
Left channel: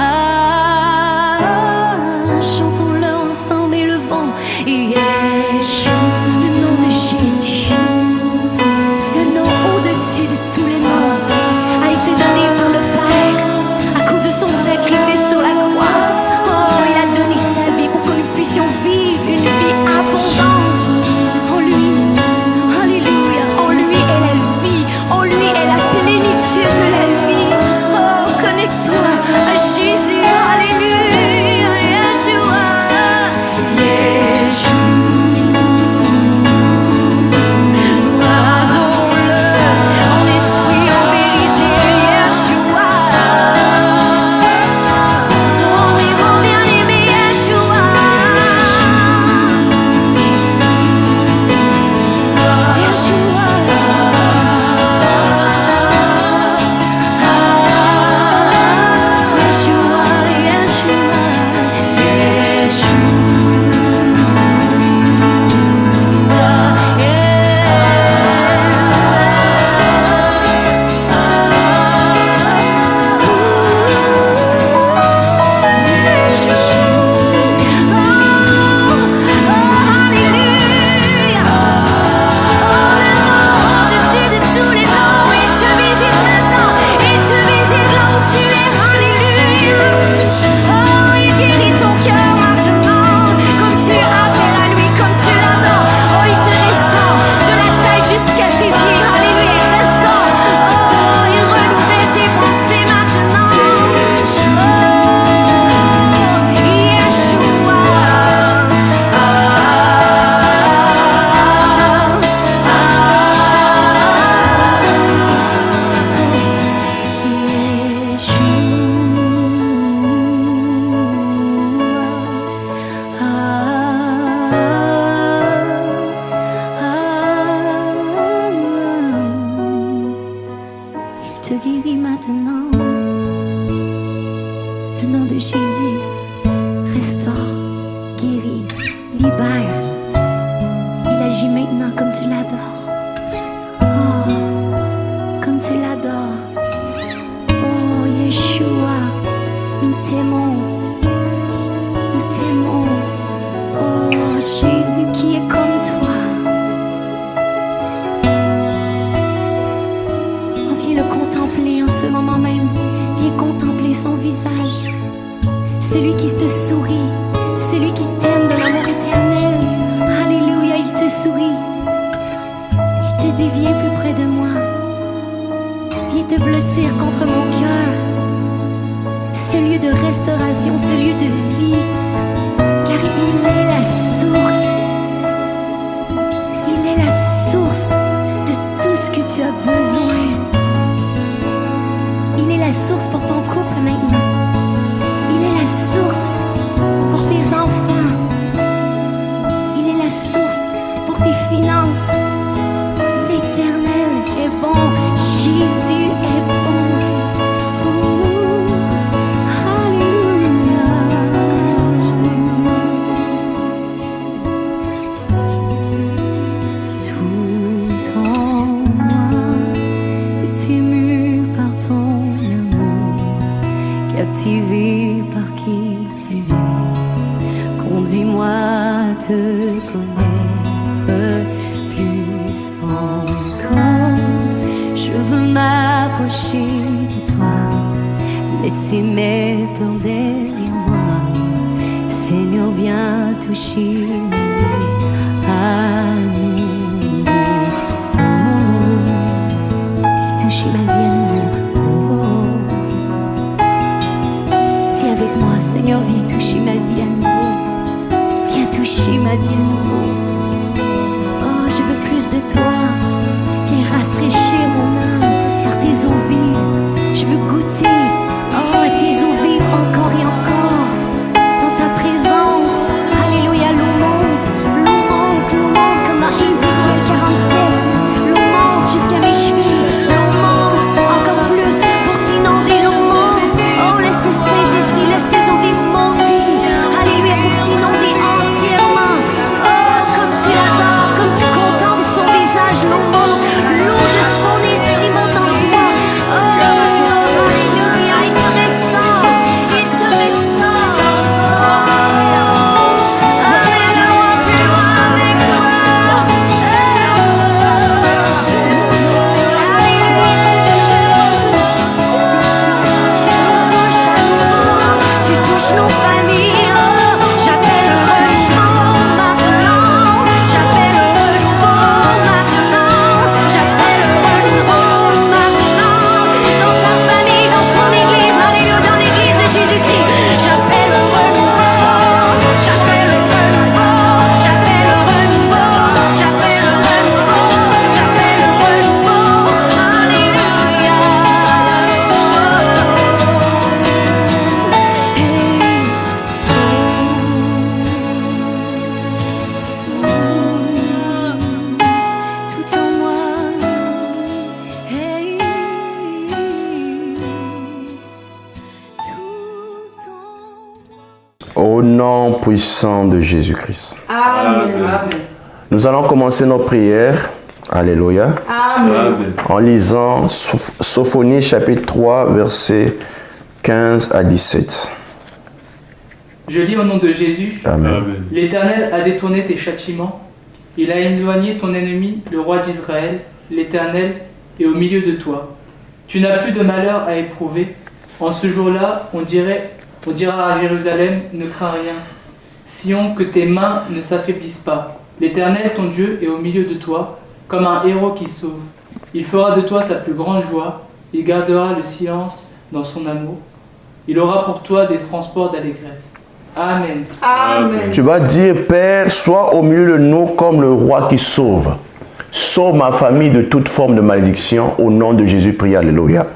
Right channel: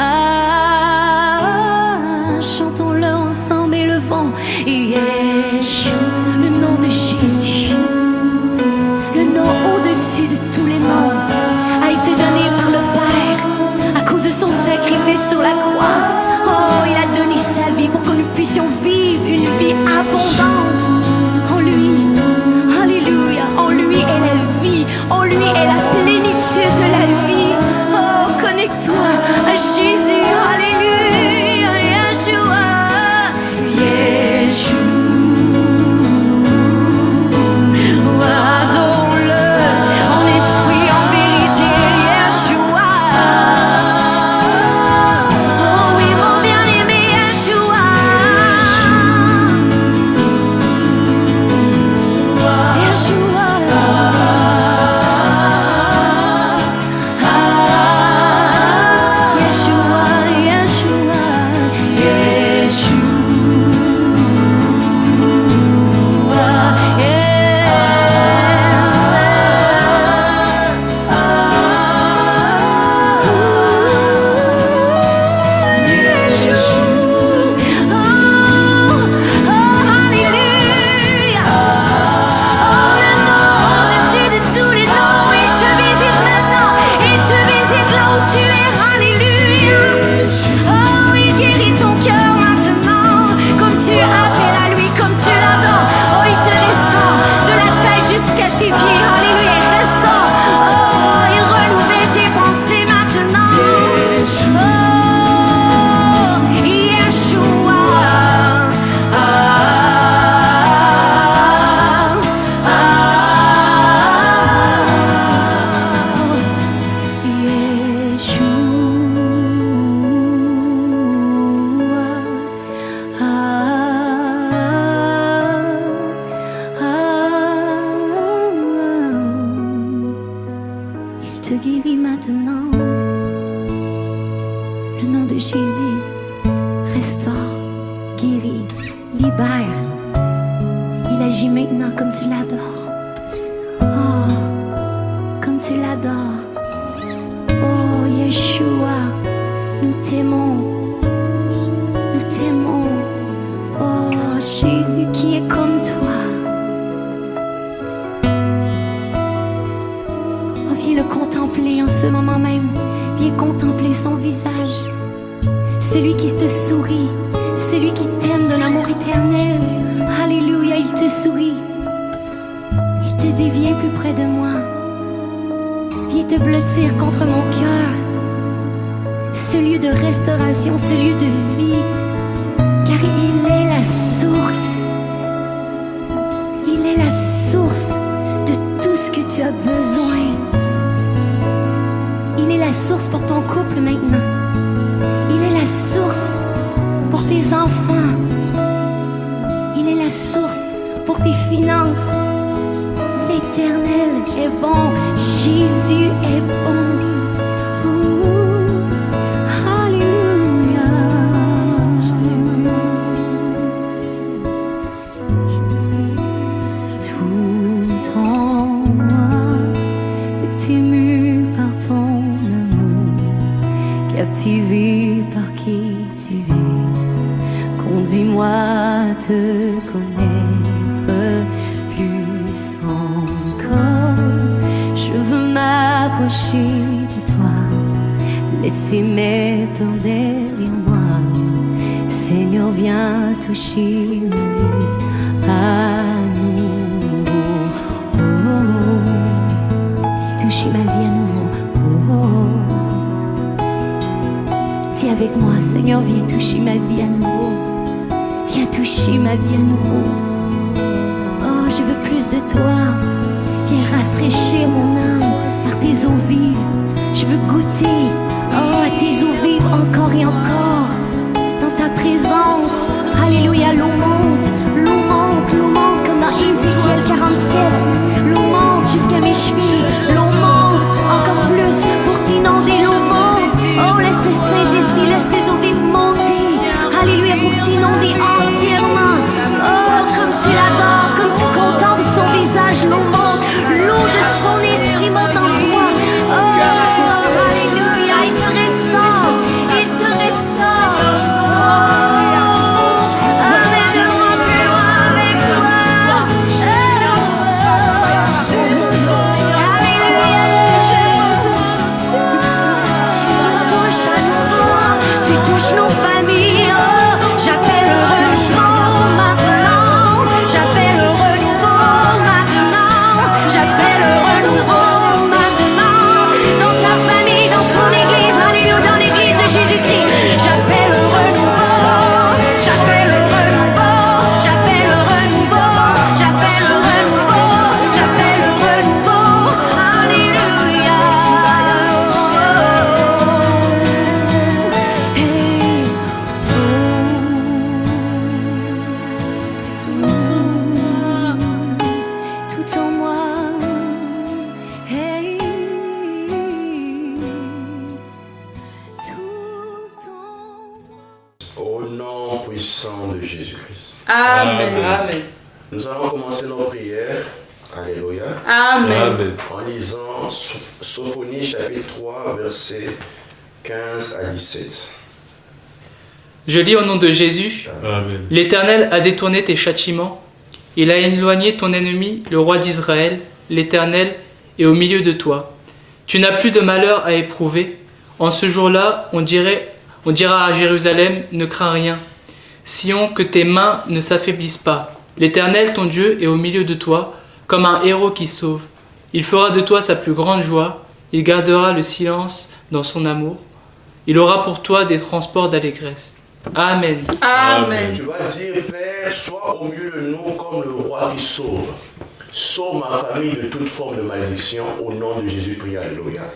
Oh, chantons-le ensemble et le vent. Yeshua, le nom de Jésus, le nom au-dessus de tous les noms, a été donné par le Père à cause de son sacrifice sur la croix. Oh, il a donné sa vie pour que nous puissions vivre une vie abondante en lui. Alléluia. En lui est la vie, en lui est la plénitude de la vie. Oh, connecte-toi à Jésus. Alléluia. Yeshua. Yeshua. Adore-le en esprit, en vérité. Yeshua. Oh oui, mon bien-aimé Yeshua. Yeshua. Yeshua, Yeshua, te guérit maintenant. Le nom de Jésus restaure, guérit, libère. Il agit maintenant comme tu l'adores. Oh, comme tu l'adores. Oh, Yeshua, nous t'aimons. Nous t'aimons. Oh, Jésus qui est comme toi. viens le contempler en ce moment même. Viens contempler son visage. Celui qui te sourit, celui qui t'aime d'un amour éternel. Alléluia, il te sourit. Il te dit, viens plus près de moi. Viens te blottir contre mon cœur. Ce lieu de restauration, ce lieu de vie. Car il est la source. Il est la source de tout ce que tu as besoin. Il est la source pour ton couple maintenant. Il est la source pour tes enfants. Il est la source pour tes finances. L'Éternel est bon. Jésus est bon. Ouh, alléluia. Tout en moi est ému par ton amour, captivé par qui tu es. Conduis-moi à te connaître plus encore. Je veux m'approcher de toi, laisser mes peurs derrière moi. Seigneur, viens toucher ma vie à nouveau. Oh, oh. Viens toucher ma vie à nouveau. Oh, oh. Dis avec moi, Seigneur, viens toucher ma vie à nouveau. Viens toucher ma vie à nouveau. Oh, je veux plus de toi. Viens rafraîchir mon âme par tes eaux vives. Je veux goûter, oh, à tes eaux vives encore et encore. Dans ta présence, alléluia, l'eau monte, l'eau monte, l'eau monte comme dans Ézéchiel 47. L'eau monte jusqu'à mes chevilles, l'eau monte encore plus pour t'inonder, l'eau monte. Oh, laisse le Saint-Esprit, laisse ces eaux vives monter, alléluia, pour t'inonder entièrement. Oh, comme tu l'adores, comme tu contemples son visage, l'eau monte, l'eau de son esprit monte en toi. Oh, alléluia, il te restaure, il te restaure. Oh, amène-moi plus loin avec toi. Alléluia. Tu nous touches à nouveau, tu touches nos familles. Oh, j'appelle le renouveau maintenant. J'appelle le renouveau maintenant. J'appelle le renouveau maintenant. Dans ta famille, dans ton église, alléluia, dans l'église de Jésus-Christ. J'appelle le renouveau. J'appelle le renouveau. J'appelle le renouveau. J'appelle le renouveau. J'appelle le renouveau. Alléluia. Hey, tout en moi. Hey, tout en moi. Au nom puissant de Jésus-Christ. Amen. Amen. Nous allons commencer nos prières. Alléluia. Amen. Amen. En lisant Sophonie chapitre 3, versets 15 à 17. Je lis au nom de Jésus. Amen. Amen. L'Éternel a détourné tes châtiments. Il a éloigné ton ennemi, le roi d'Israël. L'Éternel est au milieu de toi. Tu n'as plus de malheur à éprouver. En ce jour-là, on dira à Jérusalem, ne crains rien. Sion, que tes mains ne s'affaiblissent pas. L'Éternel, ton Dieu, est au milieu de toi, comme un héros qui sauve. Il fera de toi sa plus grande joie. Il gardera le silence dans son amour. Il aura pour toi des transports d'allégresse. Amen. Amen. Tu vas dire, Père, sois au milieu de nous comme le roi qui sauve. Sauve ma famille de toute forme de malédiction. Au nom de Jésus, prie. Alléluia.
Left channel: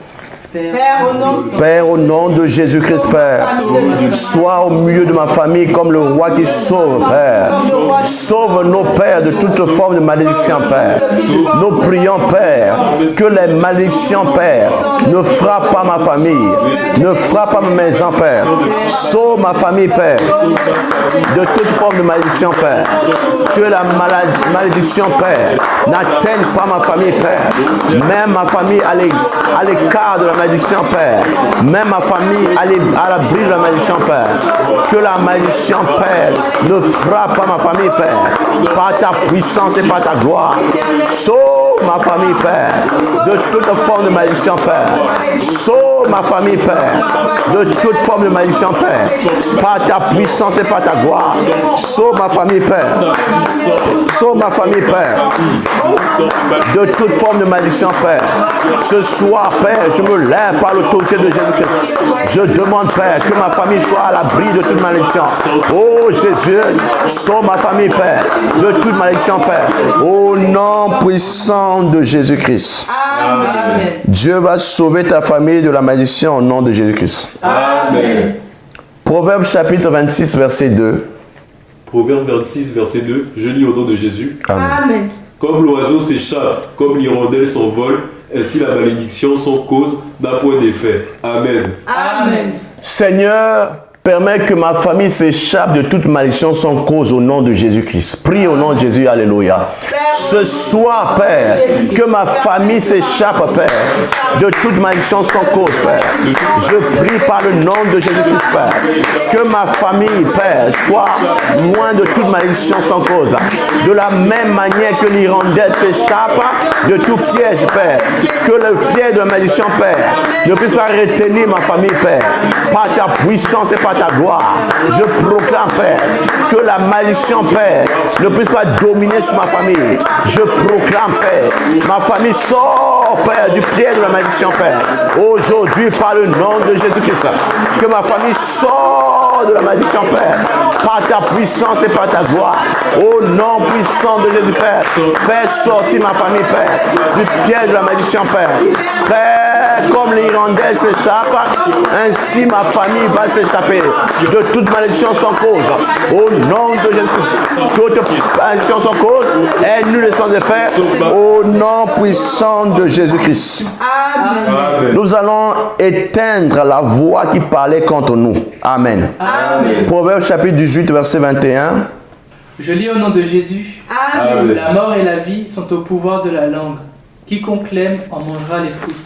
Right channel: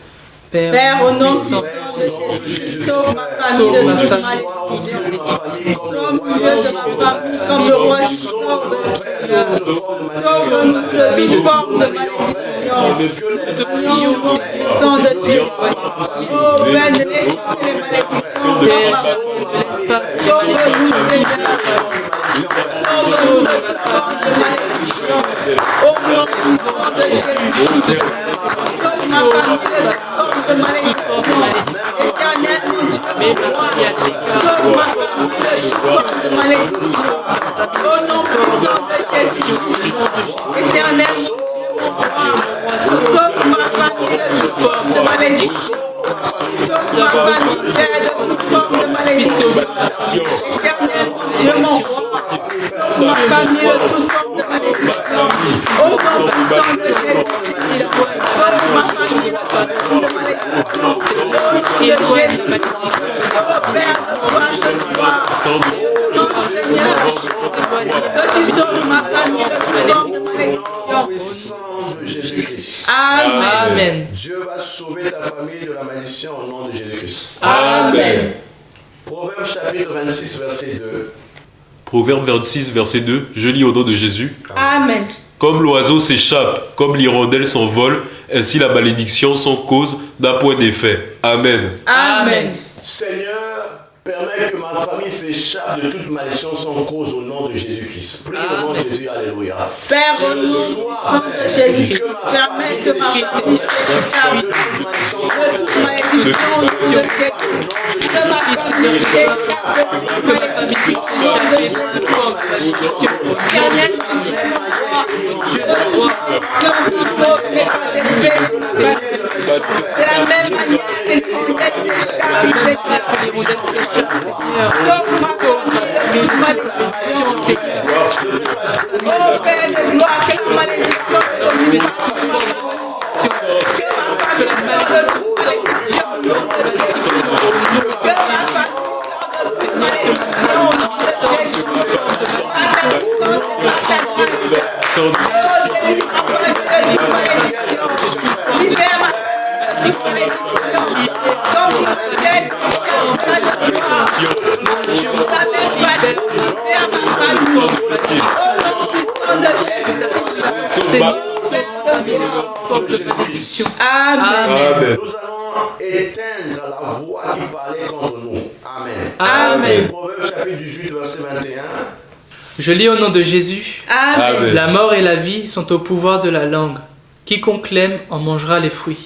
Père, au nom Père, au nom de Jésus-Christ, Père, sois au milieu de ma famille comme le roi qui sauve, Père. Sauve nos pères de toute forme de malédiction, Père. Nous prions, Père, que les malédictions, Père, ne frappent pas ma famille, ne frappent pas ma maison, Père. Sauve ma famille, Père, de toute forme de malédiction, Père. Que la malédiction, Père, n'atteigne pas ma famille, Père. Même ma famille à l'écart de la malédiction, Père. Même ma famille à l'abri de la malédiction, Père. Que la malédiction, Père, ne frappe pas ma famille, Père. Par ta puissance et par ta gloire. Sauve Sauve ma famille, Père, de toute forme de malédiction, Père. Sauve ma famille, Père, de toute forme de malédiction, Père. Par ta puissance et par ta gloire. Sauve ma famille, Père. Sauve ma famille, Père, de toute forme de malédiction, Père. Ce soir, Père, je me lève par l'autorité de Jésus-Christ. Je demande, Père, que ma famille soit à l'abri de toute malédiction. Oh Jésus, sauve ma famille, Père, de toute malédiction, Père. Au nom puissant de Jésus-Christ. Amen. Dieu va sauver ta famille de la malédiction au nom de Jésus-Christ. Amen. Proverbe chapitre 26, verset 2. Proverbe 26, verset 2. Je lis au nom de Jésus. Amen. Comme l'oiseau s'échappe, comme l'hirondelle s'envole, ainsi la malédiction sans cause n'a point d'effet. Amen. Amen. Seigneur, permets que ma famille s'échappe de toute malédiction sans cause au nom de Jésus-Christ. Prie au nom de Jésus, alléluia. Ce soir, Père, que ma famille s'échappe, Père, de toute malédiction sans cause, Père. Je prie par le nom de Jésus-Christ, Père, que ma famille, Père, soit loin de toute malédiction sans cause. De la même manière que l'hirondelle s'échappe de tout piège, Père, que le piège de la malédiction, Père, ne puisse pas retenir ma famille, Père, par ta puissance et par ta gloire. Je proclame, Père, que la malédiction, Père, ne puisse pas dominer sur ma famille. Je proclame, Père, ma famille sort, Père, du piège de la malédiction, Père. Aujourd'hui, par le nom de Jésus-Christ, que ma famille sort de la malédiction, Père, par ta puissance et par ta gloire. Au nom puissant de Jésus, Père, fais sortir ma famille, Père, du piège de la malédiction, Père. Père, comme l'hirondelle s'échappe, ainsi ma famille va s'échapper de toute malédiction sans cause. Au nom de Jésus, toute malédiction sans cause est nulle et sans effet. Au nom puissant de Jésus-Christ. Amen. Nous allons éteindre la voix qui parlait contre nous. Amen. Amen. Proverbe chapitre 18, verset 21. Je lis au nom de Jésus. Amen. La mort et la vie sont au pouvoir de la langue. Quiconque l'aime en mangera les fruits.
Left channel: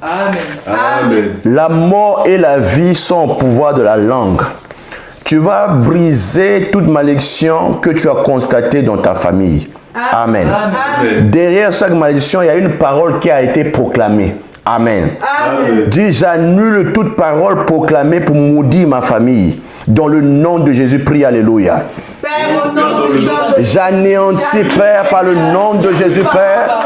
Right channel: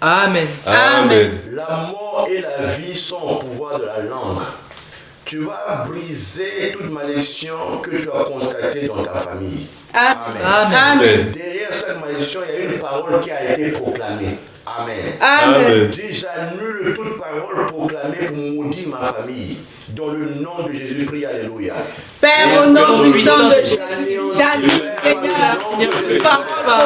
Amen. Amen. La mort et la vie sont au pouvoir de la langue. Tu vas briser toute malédiction que tu as constatée dans ta famille. Amen. Amen. Derrière chaque malédiction, il y a une parole qui a été proclamée. Amen. Amen. Dis, j'annule toute parole proclamée pour maudire ma famille. Dans le nom de Jésus, prie, alléluia. Père, au nom puissant de Jésus. J'anéantis, Père, par le nom de Jésus, Père,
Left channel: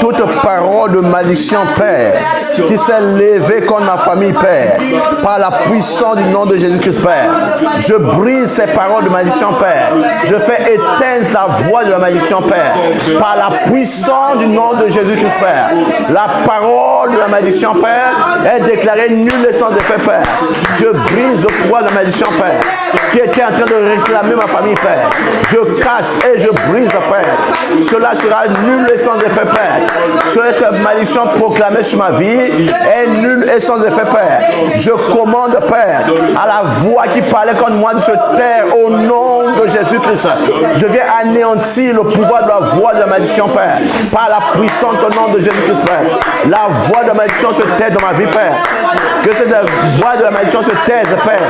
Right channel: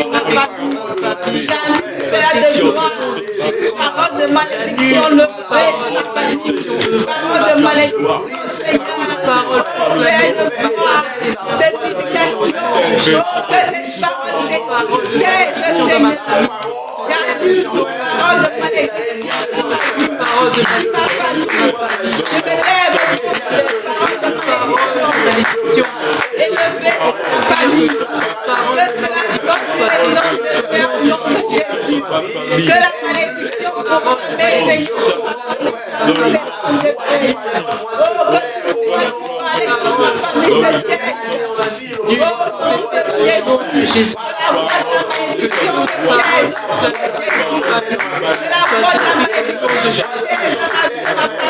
toute parole de malédiction, Père, qui s'est levée contre ma famille, Père, par la puissance du nom de Jésus-Christ, Père. Je brise ces paroles de malédiction, Père. Je fais éteindre sa voix de la malédiction, Père, par la puissance du nom de Jésus-Christ, Père. La parole de la malédiction, Père, est déclarée nulle et sans effet, Père. Je brise le pouvoir de la malédiction, Père, qui était en train de réclamer ma famille, Père. Je casse et je brise, Père. Cela sera nul et sans effet, Père. Cette malédiction proclamée sur ma vie est nulle et sans effet, Père. Je commande, Père, à la voix qui parlait contre moi de se taire au nom de Jésus-Christ. Je viens anéantir le pouvoir de la voix de la malédiction, Père, par la puissance au nom de Jésus-Christ, Père. La voix de la malédiction se tait dans ma vie, Père. Que cette voix de la malédiction se taise, Père.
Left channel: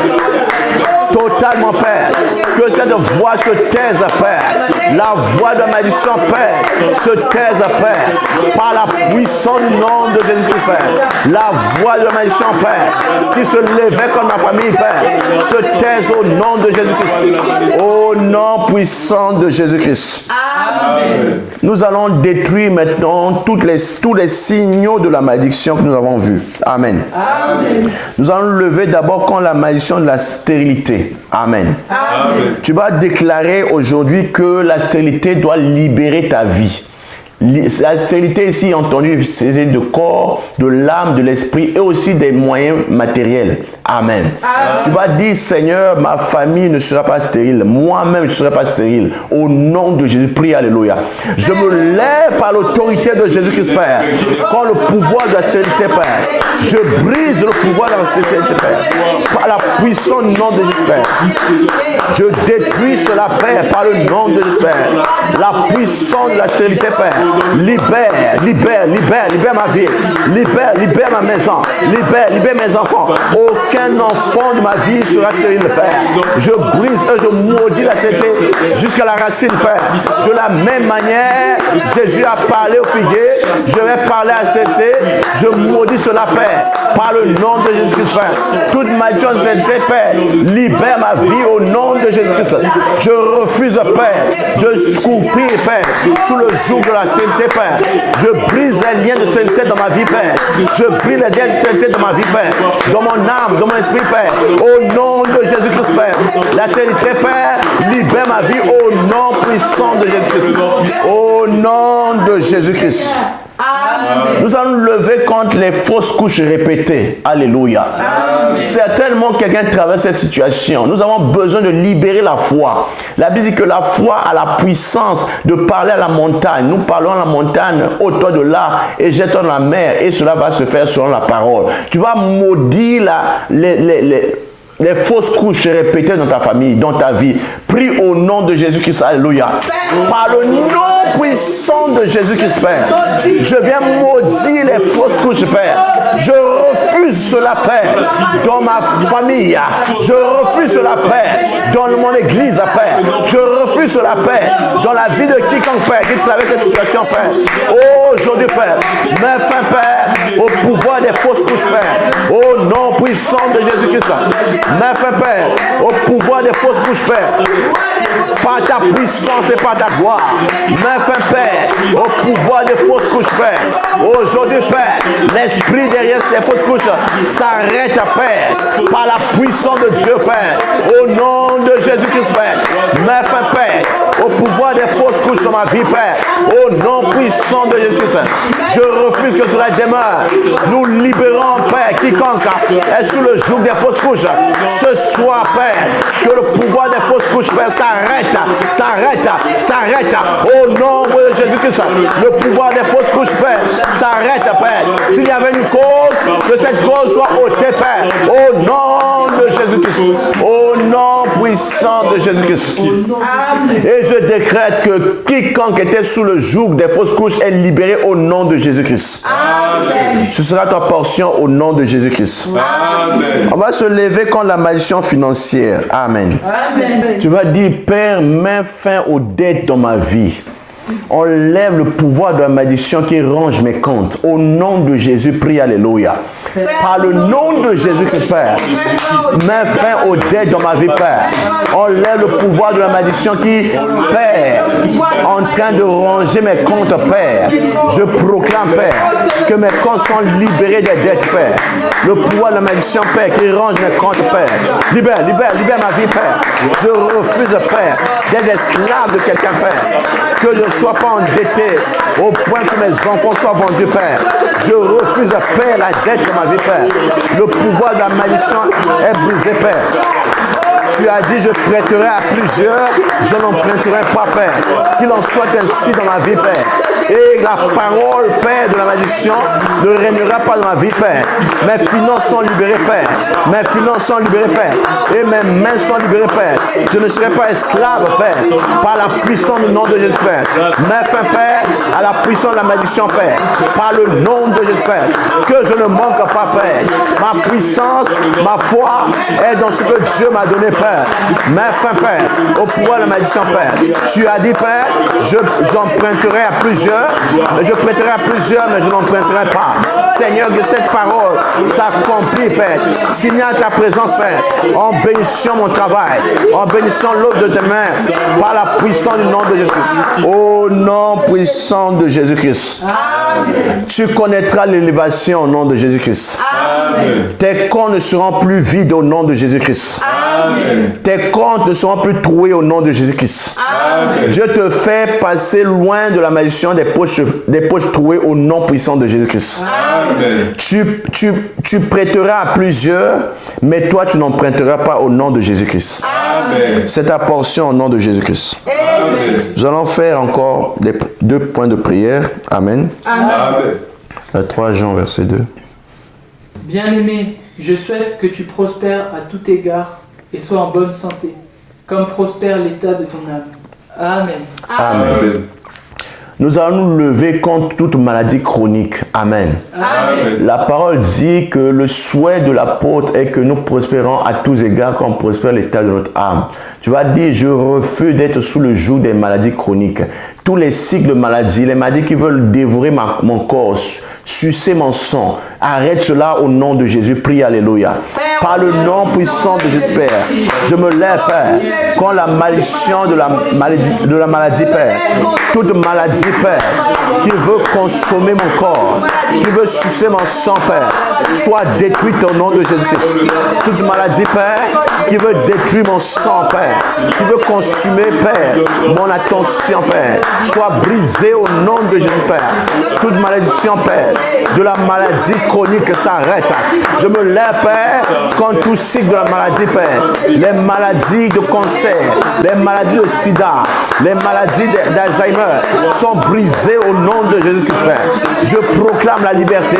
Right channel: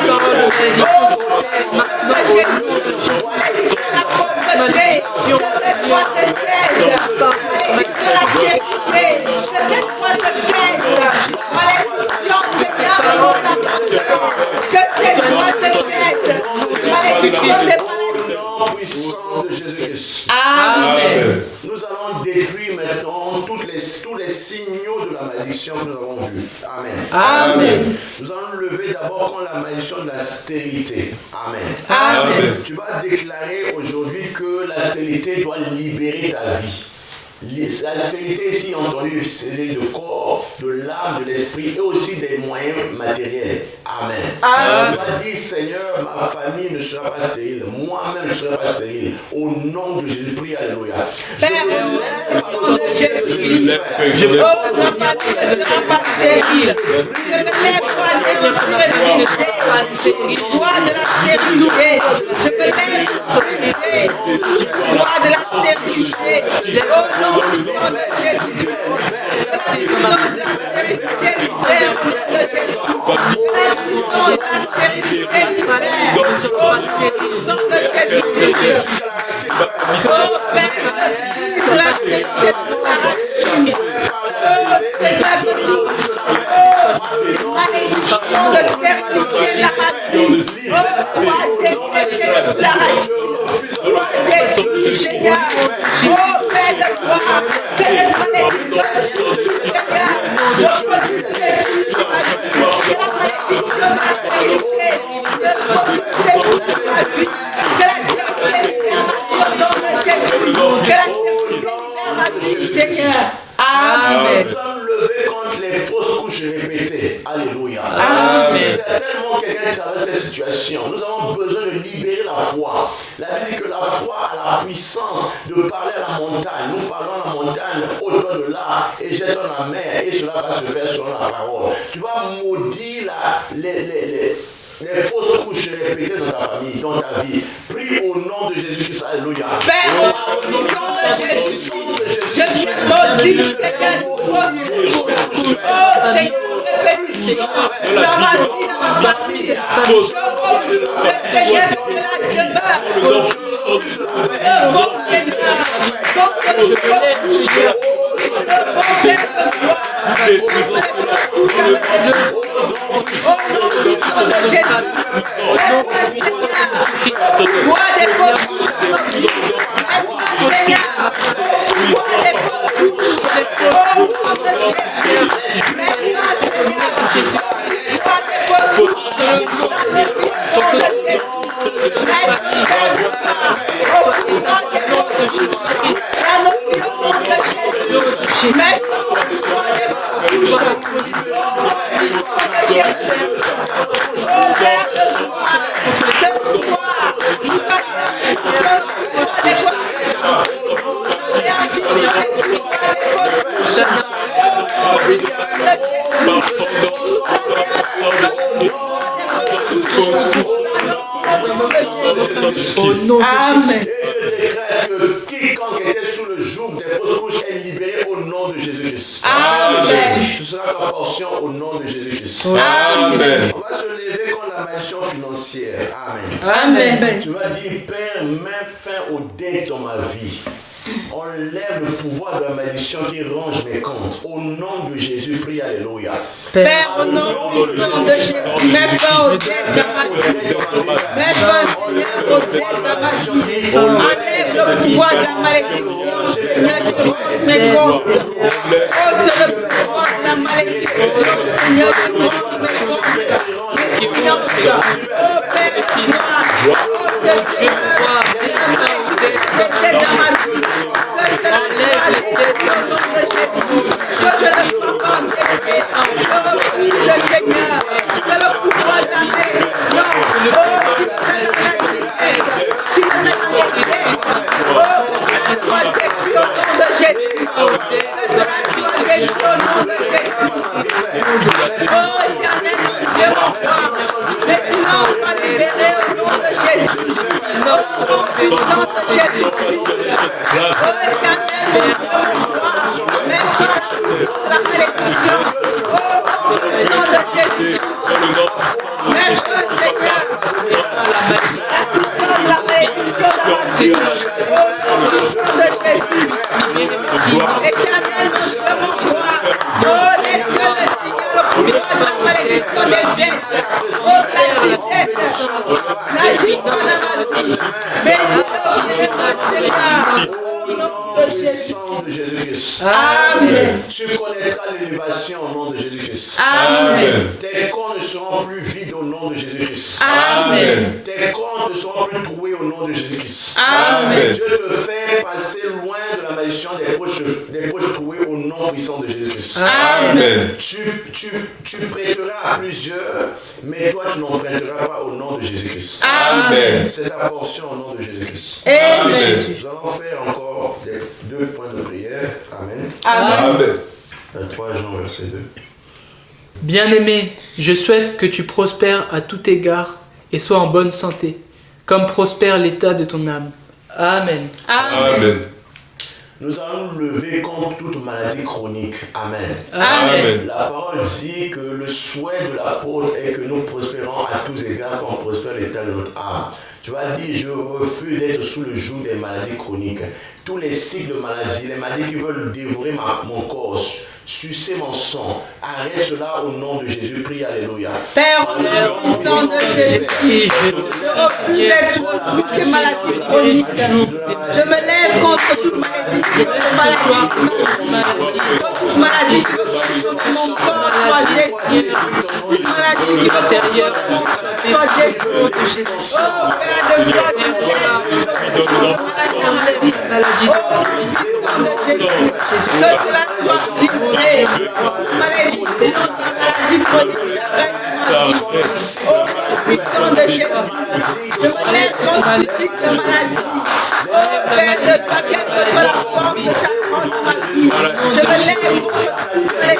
Totalement, Père. Que cette voix se taise, Père. La voix de la malédiction, Père, se taise, Père. Par la puissance du nom de Jésus-Christ, Père. La voix de la malédiction, Père, qui se levait comme ma famille, Père, se taise au nom de Jésus-Christ. Au nom puissant de Jésus-Christ. Amen. Nous allons détruire maintenant tous les signaux de la malédiction que nous avons vus. Amen. Amen. Nous allons lever d'abord contre la malédiction de la stérilité. Amen. Amen. Tu vas déclarer aujourd'hui que la stérilité doit libérer ta vie. La stérilité ici entendu, c'est de corps, de l'âme, de l'esprit et aussi des moyens matériels. Amen. Amen. Tu vas dire, Seigneur, ma famille ne sera pas stérile. Moi-même, je ne serai pas stérile. Au nom de Jésus, prie, alléluia. Je me lève par l'autorité de Jésus-Christ, Père. Quand le pouvoir de la stérilité, Père. Je brise le pouvoir de la stérilité, Père. Par la puissance du nom de Jésus, Père. Je détruis cela, Père, par le nom de Jésus, Père. La puissance de la stérilité, Père. Libère ma vie. Libère ma maison. Libère mes enfants. Aucun enfant de ma vie sera stérile, Père. Je brise et je maudis la stérilité jusqu'à la racine, Père. De la même manière Jésus a parlé au figuier, je vais parler à Zété, je maudis cela, Père, par le nom de Jésus-Christ, Père. Toute malédiction de Zété, Père, libère ma vie au nom de Jésus-Christ. Je refuse, Père, de souffrir, Père, sous le joug de la sainteté, Père. Je brise les liens de sainteté dans ma vie, Père. Je brise les liens de sainteté dans ma vie, Père. Dans mon âme, dans mon esprit, Père. Au nom de Jésus-Christ, Père. La sainteté, Père, libère ma vie au nom puissant de Jésus-Christ. Au nom de Jésus-Christ. Amen. Nous allons nous lever contre les fausses couches répétées. Alléluia. Amen. Certainement quelqu'un traverse cette situation. Nous avons besoin de libérer la foi. La Bible dit que la foi a la puissance de parler à la montagne. Nous parlons à la montagne, ôte-toi de là et jette-toi dans la mer. Et cela va se faire selon la parole. Tu vas maudire les fausses couches répétées dans ta famille, dans ta vie. Prie au nom de Jésus-Christ. Alléluia. Par le nom puissant de Jésus-Christ, Père. Je viens maudire les fausses couches, Père. Je refuse cela, Père, dans ma famille. Je refuse cela, Père, dans mon église, Père. Je refuse cela, Père, dans la vie de quiconque, Père, qui traverse cette situation, Père. Oh, aujourd'hui, Père, mets fin, Père, au pouvoir des fausses couches, Père. Au nom puissant de Jésus-Christ. Mets fin, Père, au pouvoir des fausses couches, Père. Par ta puissance et par ta gloire. Mets fin, Père, au pouvoir des fausses couches, Père. Aujourd'hui, Père, l'esprit derrière ces fausses couches s'arrête, Père, par la puissance de Dieu, Père. Au nom de Jésus-Christ, Père. Mets fin, Père, au pouvoir des fausses couches dans ma vie, Père. Au nom puissant de Jésus-Christ. Je refuse que cela demeure. Nous libérons, Père, quiconque est sous le joug des fausses couches. Ce soir, Père, que le pouvoir des fausses couches, Père, s'arrête. Au nom de Jésus-Christ. Le pouvoir des fausses couches, Père, s'arrête, Père. S'il y avait une cause, que cette cause soit ôtée, Père. Au nom de Jésus-Christ. Au nom puissant de Jésus-Christ. Et je décrète que quiconque était sous le joug des fausses couches est libéré au nom de Jésus-Christ. Ce sera ta portion au nom de Jésus-Christ. On va se lever contre la malédiction financière. Amen. Amen. Tu vas dire, Père, mets fin aux dettes dans ma vie. Enlève le pouvoir de la malédiction qui range mes comptes. Au nom de Jésus, prie, alléluia. Par le nom de Jésus-Christ, Père, mets fin aux dettes dans ma vie, Père. Enlève le pouvoir de la malédiction qui, Père, en train de ranger mes comptes, Père. Je proclame, Père, que mes comptes sont libérés des dettes, Père. Le pouvoir de la malédiction, Père, qui range mes comptes, Père. Libère ma vie, Père. Je refuse, Père, d'être esclave de quelqu'un, Père. Que je ne sois pas endetté au point que mes enfants soient vendus, Père. Je refuse, Père, la dette de ma vie, Père. Le pouvoir de la malédiction est brisé, Père. Tu as dit, je prêterai à plusieurs, je n'emprunterai pas, Père. Qu'il en soit ainsi dans ma vie, Père. Et la parole, Père, de la malédiction ne régnera pas dans ma vie, Père. Mes finances sont libérées, Père. Mes finances sont libérées, Père. Et mes mains sont libérées, Père. Je ne serai pas esclave, Père, par la puissance du nom de Jésus, Père. Mets fin, Père, à la puissance de la malédiction, Père. Par le nom de Jésus, Père. Que je ne manque pas, Père. Ma puissance, ma foi est dans ce que Dieu m'a donné, Père. Mets fin, Père, au pouvoir de la malédiction, Père. Tu as dit, Père, j'emprunterai à plusieurs. Je prêterai à plusieurs, mais je n'emprunterai pas. Seigneur, que cette parole s'accomplit, Père. Signe à ta présence, Père, en bénissant mon travail, en bénissant l'œuvre de tes mains, par la puissance du nom de Jésus. Au nom puissant de Jésus-Christ. Tu connaîtras l'élévation au nom de Jésus-Christ. Tes comptes ne seront plus vides au nom de Jésus-Christ. Tes comptes ne seront plus troués au nom de Jésus-Christ. Dieu te fait passer loin de la malédiction des poches trouées au nom puissant de Jésus-Christ. Tu prêteras à plusieurs, mais toi tu n'emprunteras pas au nom de Jésus-Christ. C'est ta portion au nom de Jésus-Christ. Nous allons faire encore 2 points de prière. Amen. 3 Jean, verset 2. Bien-aimé, je souhaite que tu prospères à tout égard et sois en bonne santé, comme prospère l'état de ton âme. Amen. Amen. Nous allons nous lever contre toute maladie chronique. Amen. Amen. La parole dit que le souhait de l'apôtre est que nous prospérons à tous égards comme prospère l'état de notre âme. Tu vas dire, je refuse d'être sous le joug des maladies chroniques. tous les cycles de maladie, les maladies qui veulent dévorer mon corps, sucer mon sang. Arrête cela au nom de Jésus. Prie, alléluia. Par le nom puissant de Jésus, Père, je me lève, Père, quand la malédiction de la maladie, Père, toute maladie, Père, qui veut consommer mon corps, qui veut sucer mon sang, Père, soit détruite au nom de Jésus-Christ. Toute maladie, Père, qui veut détruire mon sang, Père, qui veut consumer, Père, mon attention, Père, soit brisée au nom de Jésus, Père. Toute malédiction, Père, de la maladie chronique s'arrête. Je me lève, Père, contre tout cycle de la maladie, Père. Les maladies de cancer, les maladies de sida, les maladies d'Alzheimer sont brisées au nom de Jésus-Christ, Père. Je proclame la liberté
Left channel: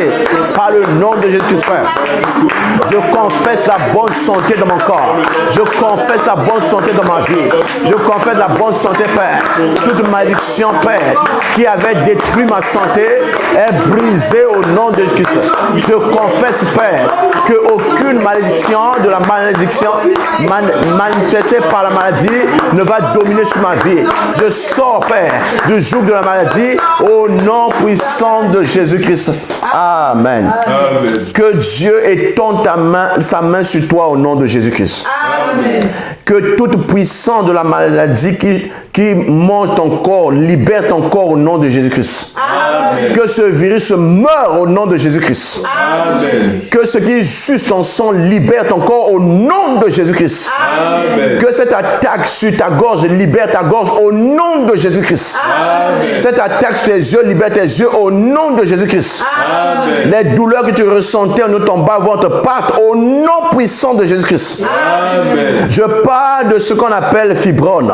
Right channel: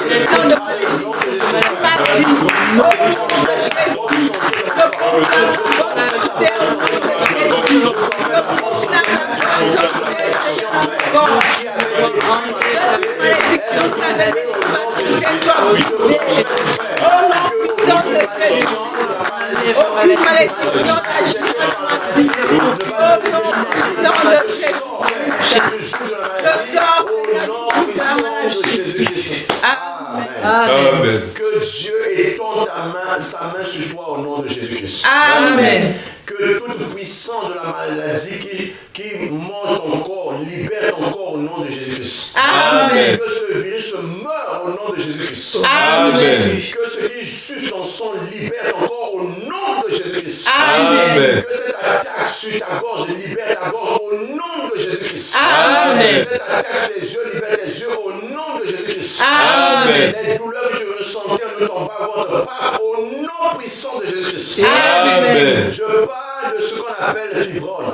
par le nom de Jésus-Christ, Père. Je confesse la bonne santé de mon corps. Je confesse la bonne santé de ma vie. Je confesse la bonne santé, Père. Toute malédiction, Père, qui avait détruit ma santé est brisée au nom de Jésus-Christ. Je confesse, Père, qu'aucune malédiction de la malédiction manifestée par la maladie ne va dominer sur ma vie. Je sors, Père, du joug de la maladie au nom puissant de Jésus-Christ. Amen. Amen. Que Dieu étende sa main sur toi au nom de Jésus-Christ. Amen. Que toute puissance de la maladie qui mange ton corps, libère ton corps au nom de Jésus-Christ. Amen. Que ce virus meure au nom de Jésus-Christ. Amen. Que ce qui suce ton sang libère ton corps au nom de Jésus-Christ. Amen. Que cette attaque sur ta gorge libère ta gorge au nom de Jésus-Christ. Amen. Cette attaque sur tes yeux libère tes yeux au nom de Jésus-Christ. Amen. Les douleurs que tu ressentais en ton bas-ventre partent au nom puissant de Jésus-Christ. Amen. Je parle de ce qu'on appelle fibrone.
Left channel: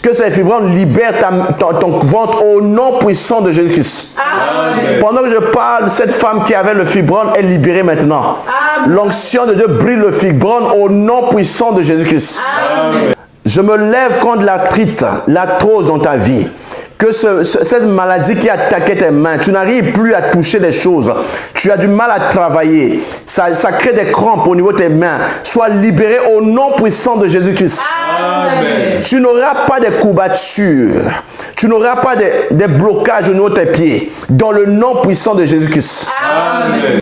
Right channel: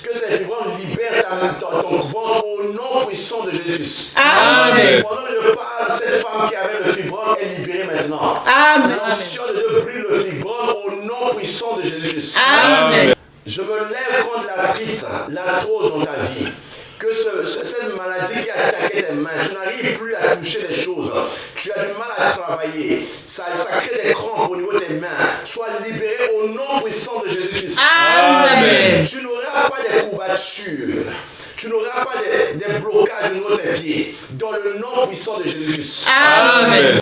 Que ces fibrones libèrent ton ventre au nom puissant de Jésus-Christ. Amen. Pendant que je parle, cette femme qui avait le fibrone est libérée maintenant. Amen. L'onction de Dieu brille le fibrone au nom puissant de Jésus-Christ. Amen. Je me lève contre l'arthrite, l'arthrose dans ta vie. Que cette maladie qui attaquait tes mains, tu n'arrives plus à toucher les choses. Tu as du mal à travailler. Ça crée des crampes au niveau de tes mains. Sois libéré au nom puissant de Jésus-Christ. Amen. Tu n'auras pas de courbatures. Tu n'auras pas de blocages au niveau de tes pieds. Dans le nom puissant de Jésus-Christ. Amen.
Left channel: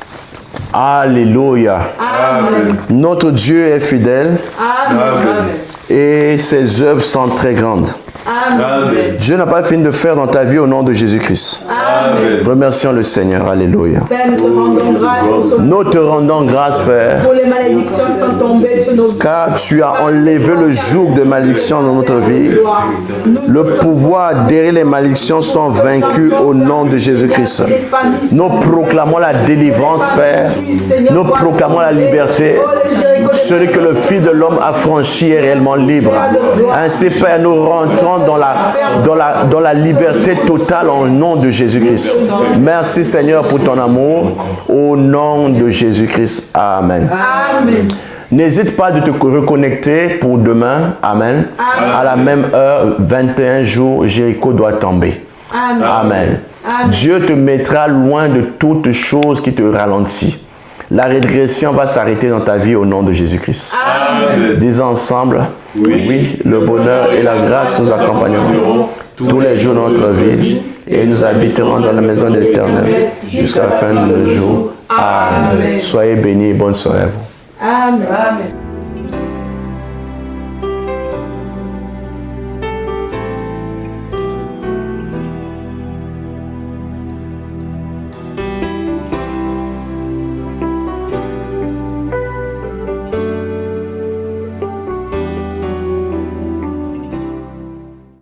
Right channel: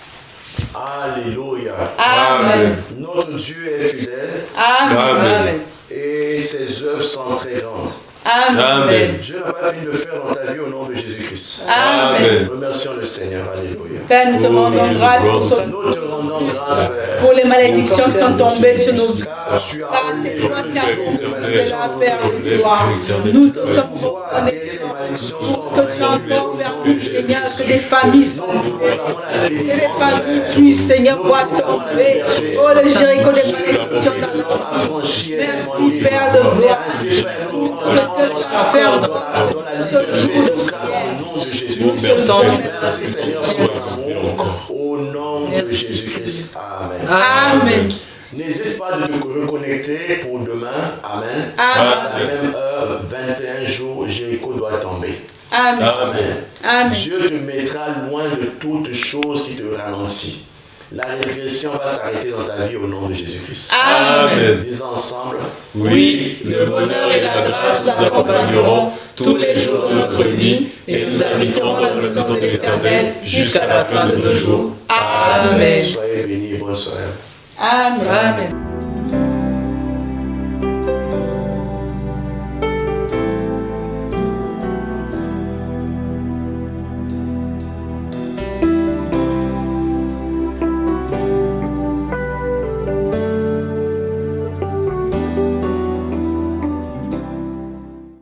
Alléluia. Amen. Notre Dieu est fidèle Amen. et ses œuvres sont très grandes. Amen. Dieu n'a pas fini de faire dans ta vie au nom de Jésus-Christ. Amen. Remercions le Seigneur. Alléluia. Père, nous te rendons grâce pour ce Nous te rendons grâce, Père, pour les malédictions qui sont tombées sur nos vies. car tu as enlevé le joug de malédiction dans notre vie. Le pouvoir derrière les malédictions sont vaincus au nom de Jésus-Christ. Nous proclamons la délivrance, Père. Nous proclamons la liberté. Celui que le Fils de l'homme a franchi est réellement libre. Ainsi, Père, nous rentrons dans la liberté totale au nom de Jésus-Christ. Merci, Seigneur, pour ton amour. Au nom de Jésus-Christ. Amen. Amen. N'hésite pas de te reconnecter pour demain. Amen. À la même heure, 21 jours, Jéricho doit tomber. Amen. Amen. Amen. Dieu te mettra loin de toute chose qui te ralentit. La régression va s'arrêter dans ta vie au nom de Jésus-Christ. Amen. Disons ensemble, oui, le bonheur et la grâce nous accompagneront tous les jours de notre vie et nous habiterons dans la maison de l'Éternel jusqu'à la fin de nos jours. Amen. Soyez bénis et bonne soirée. Amen.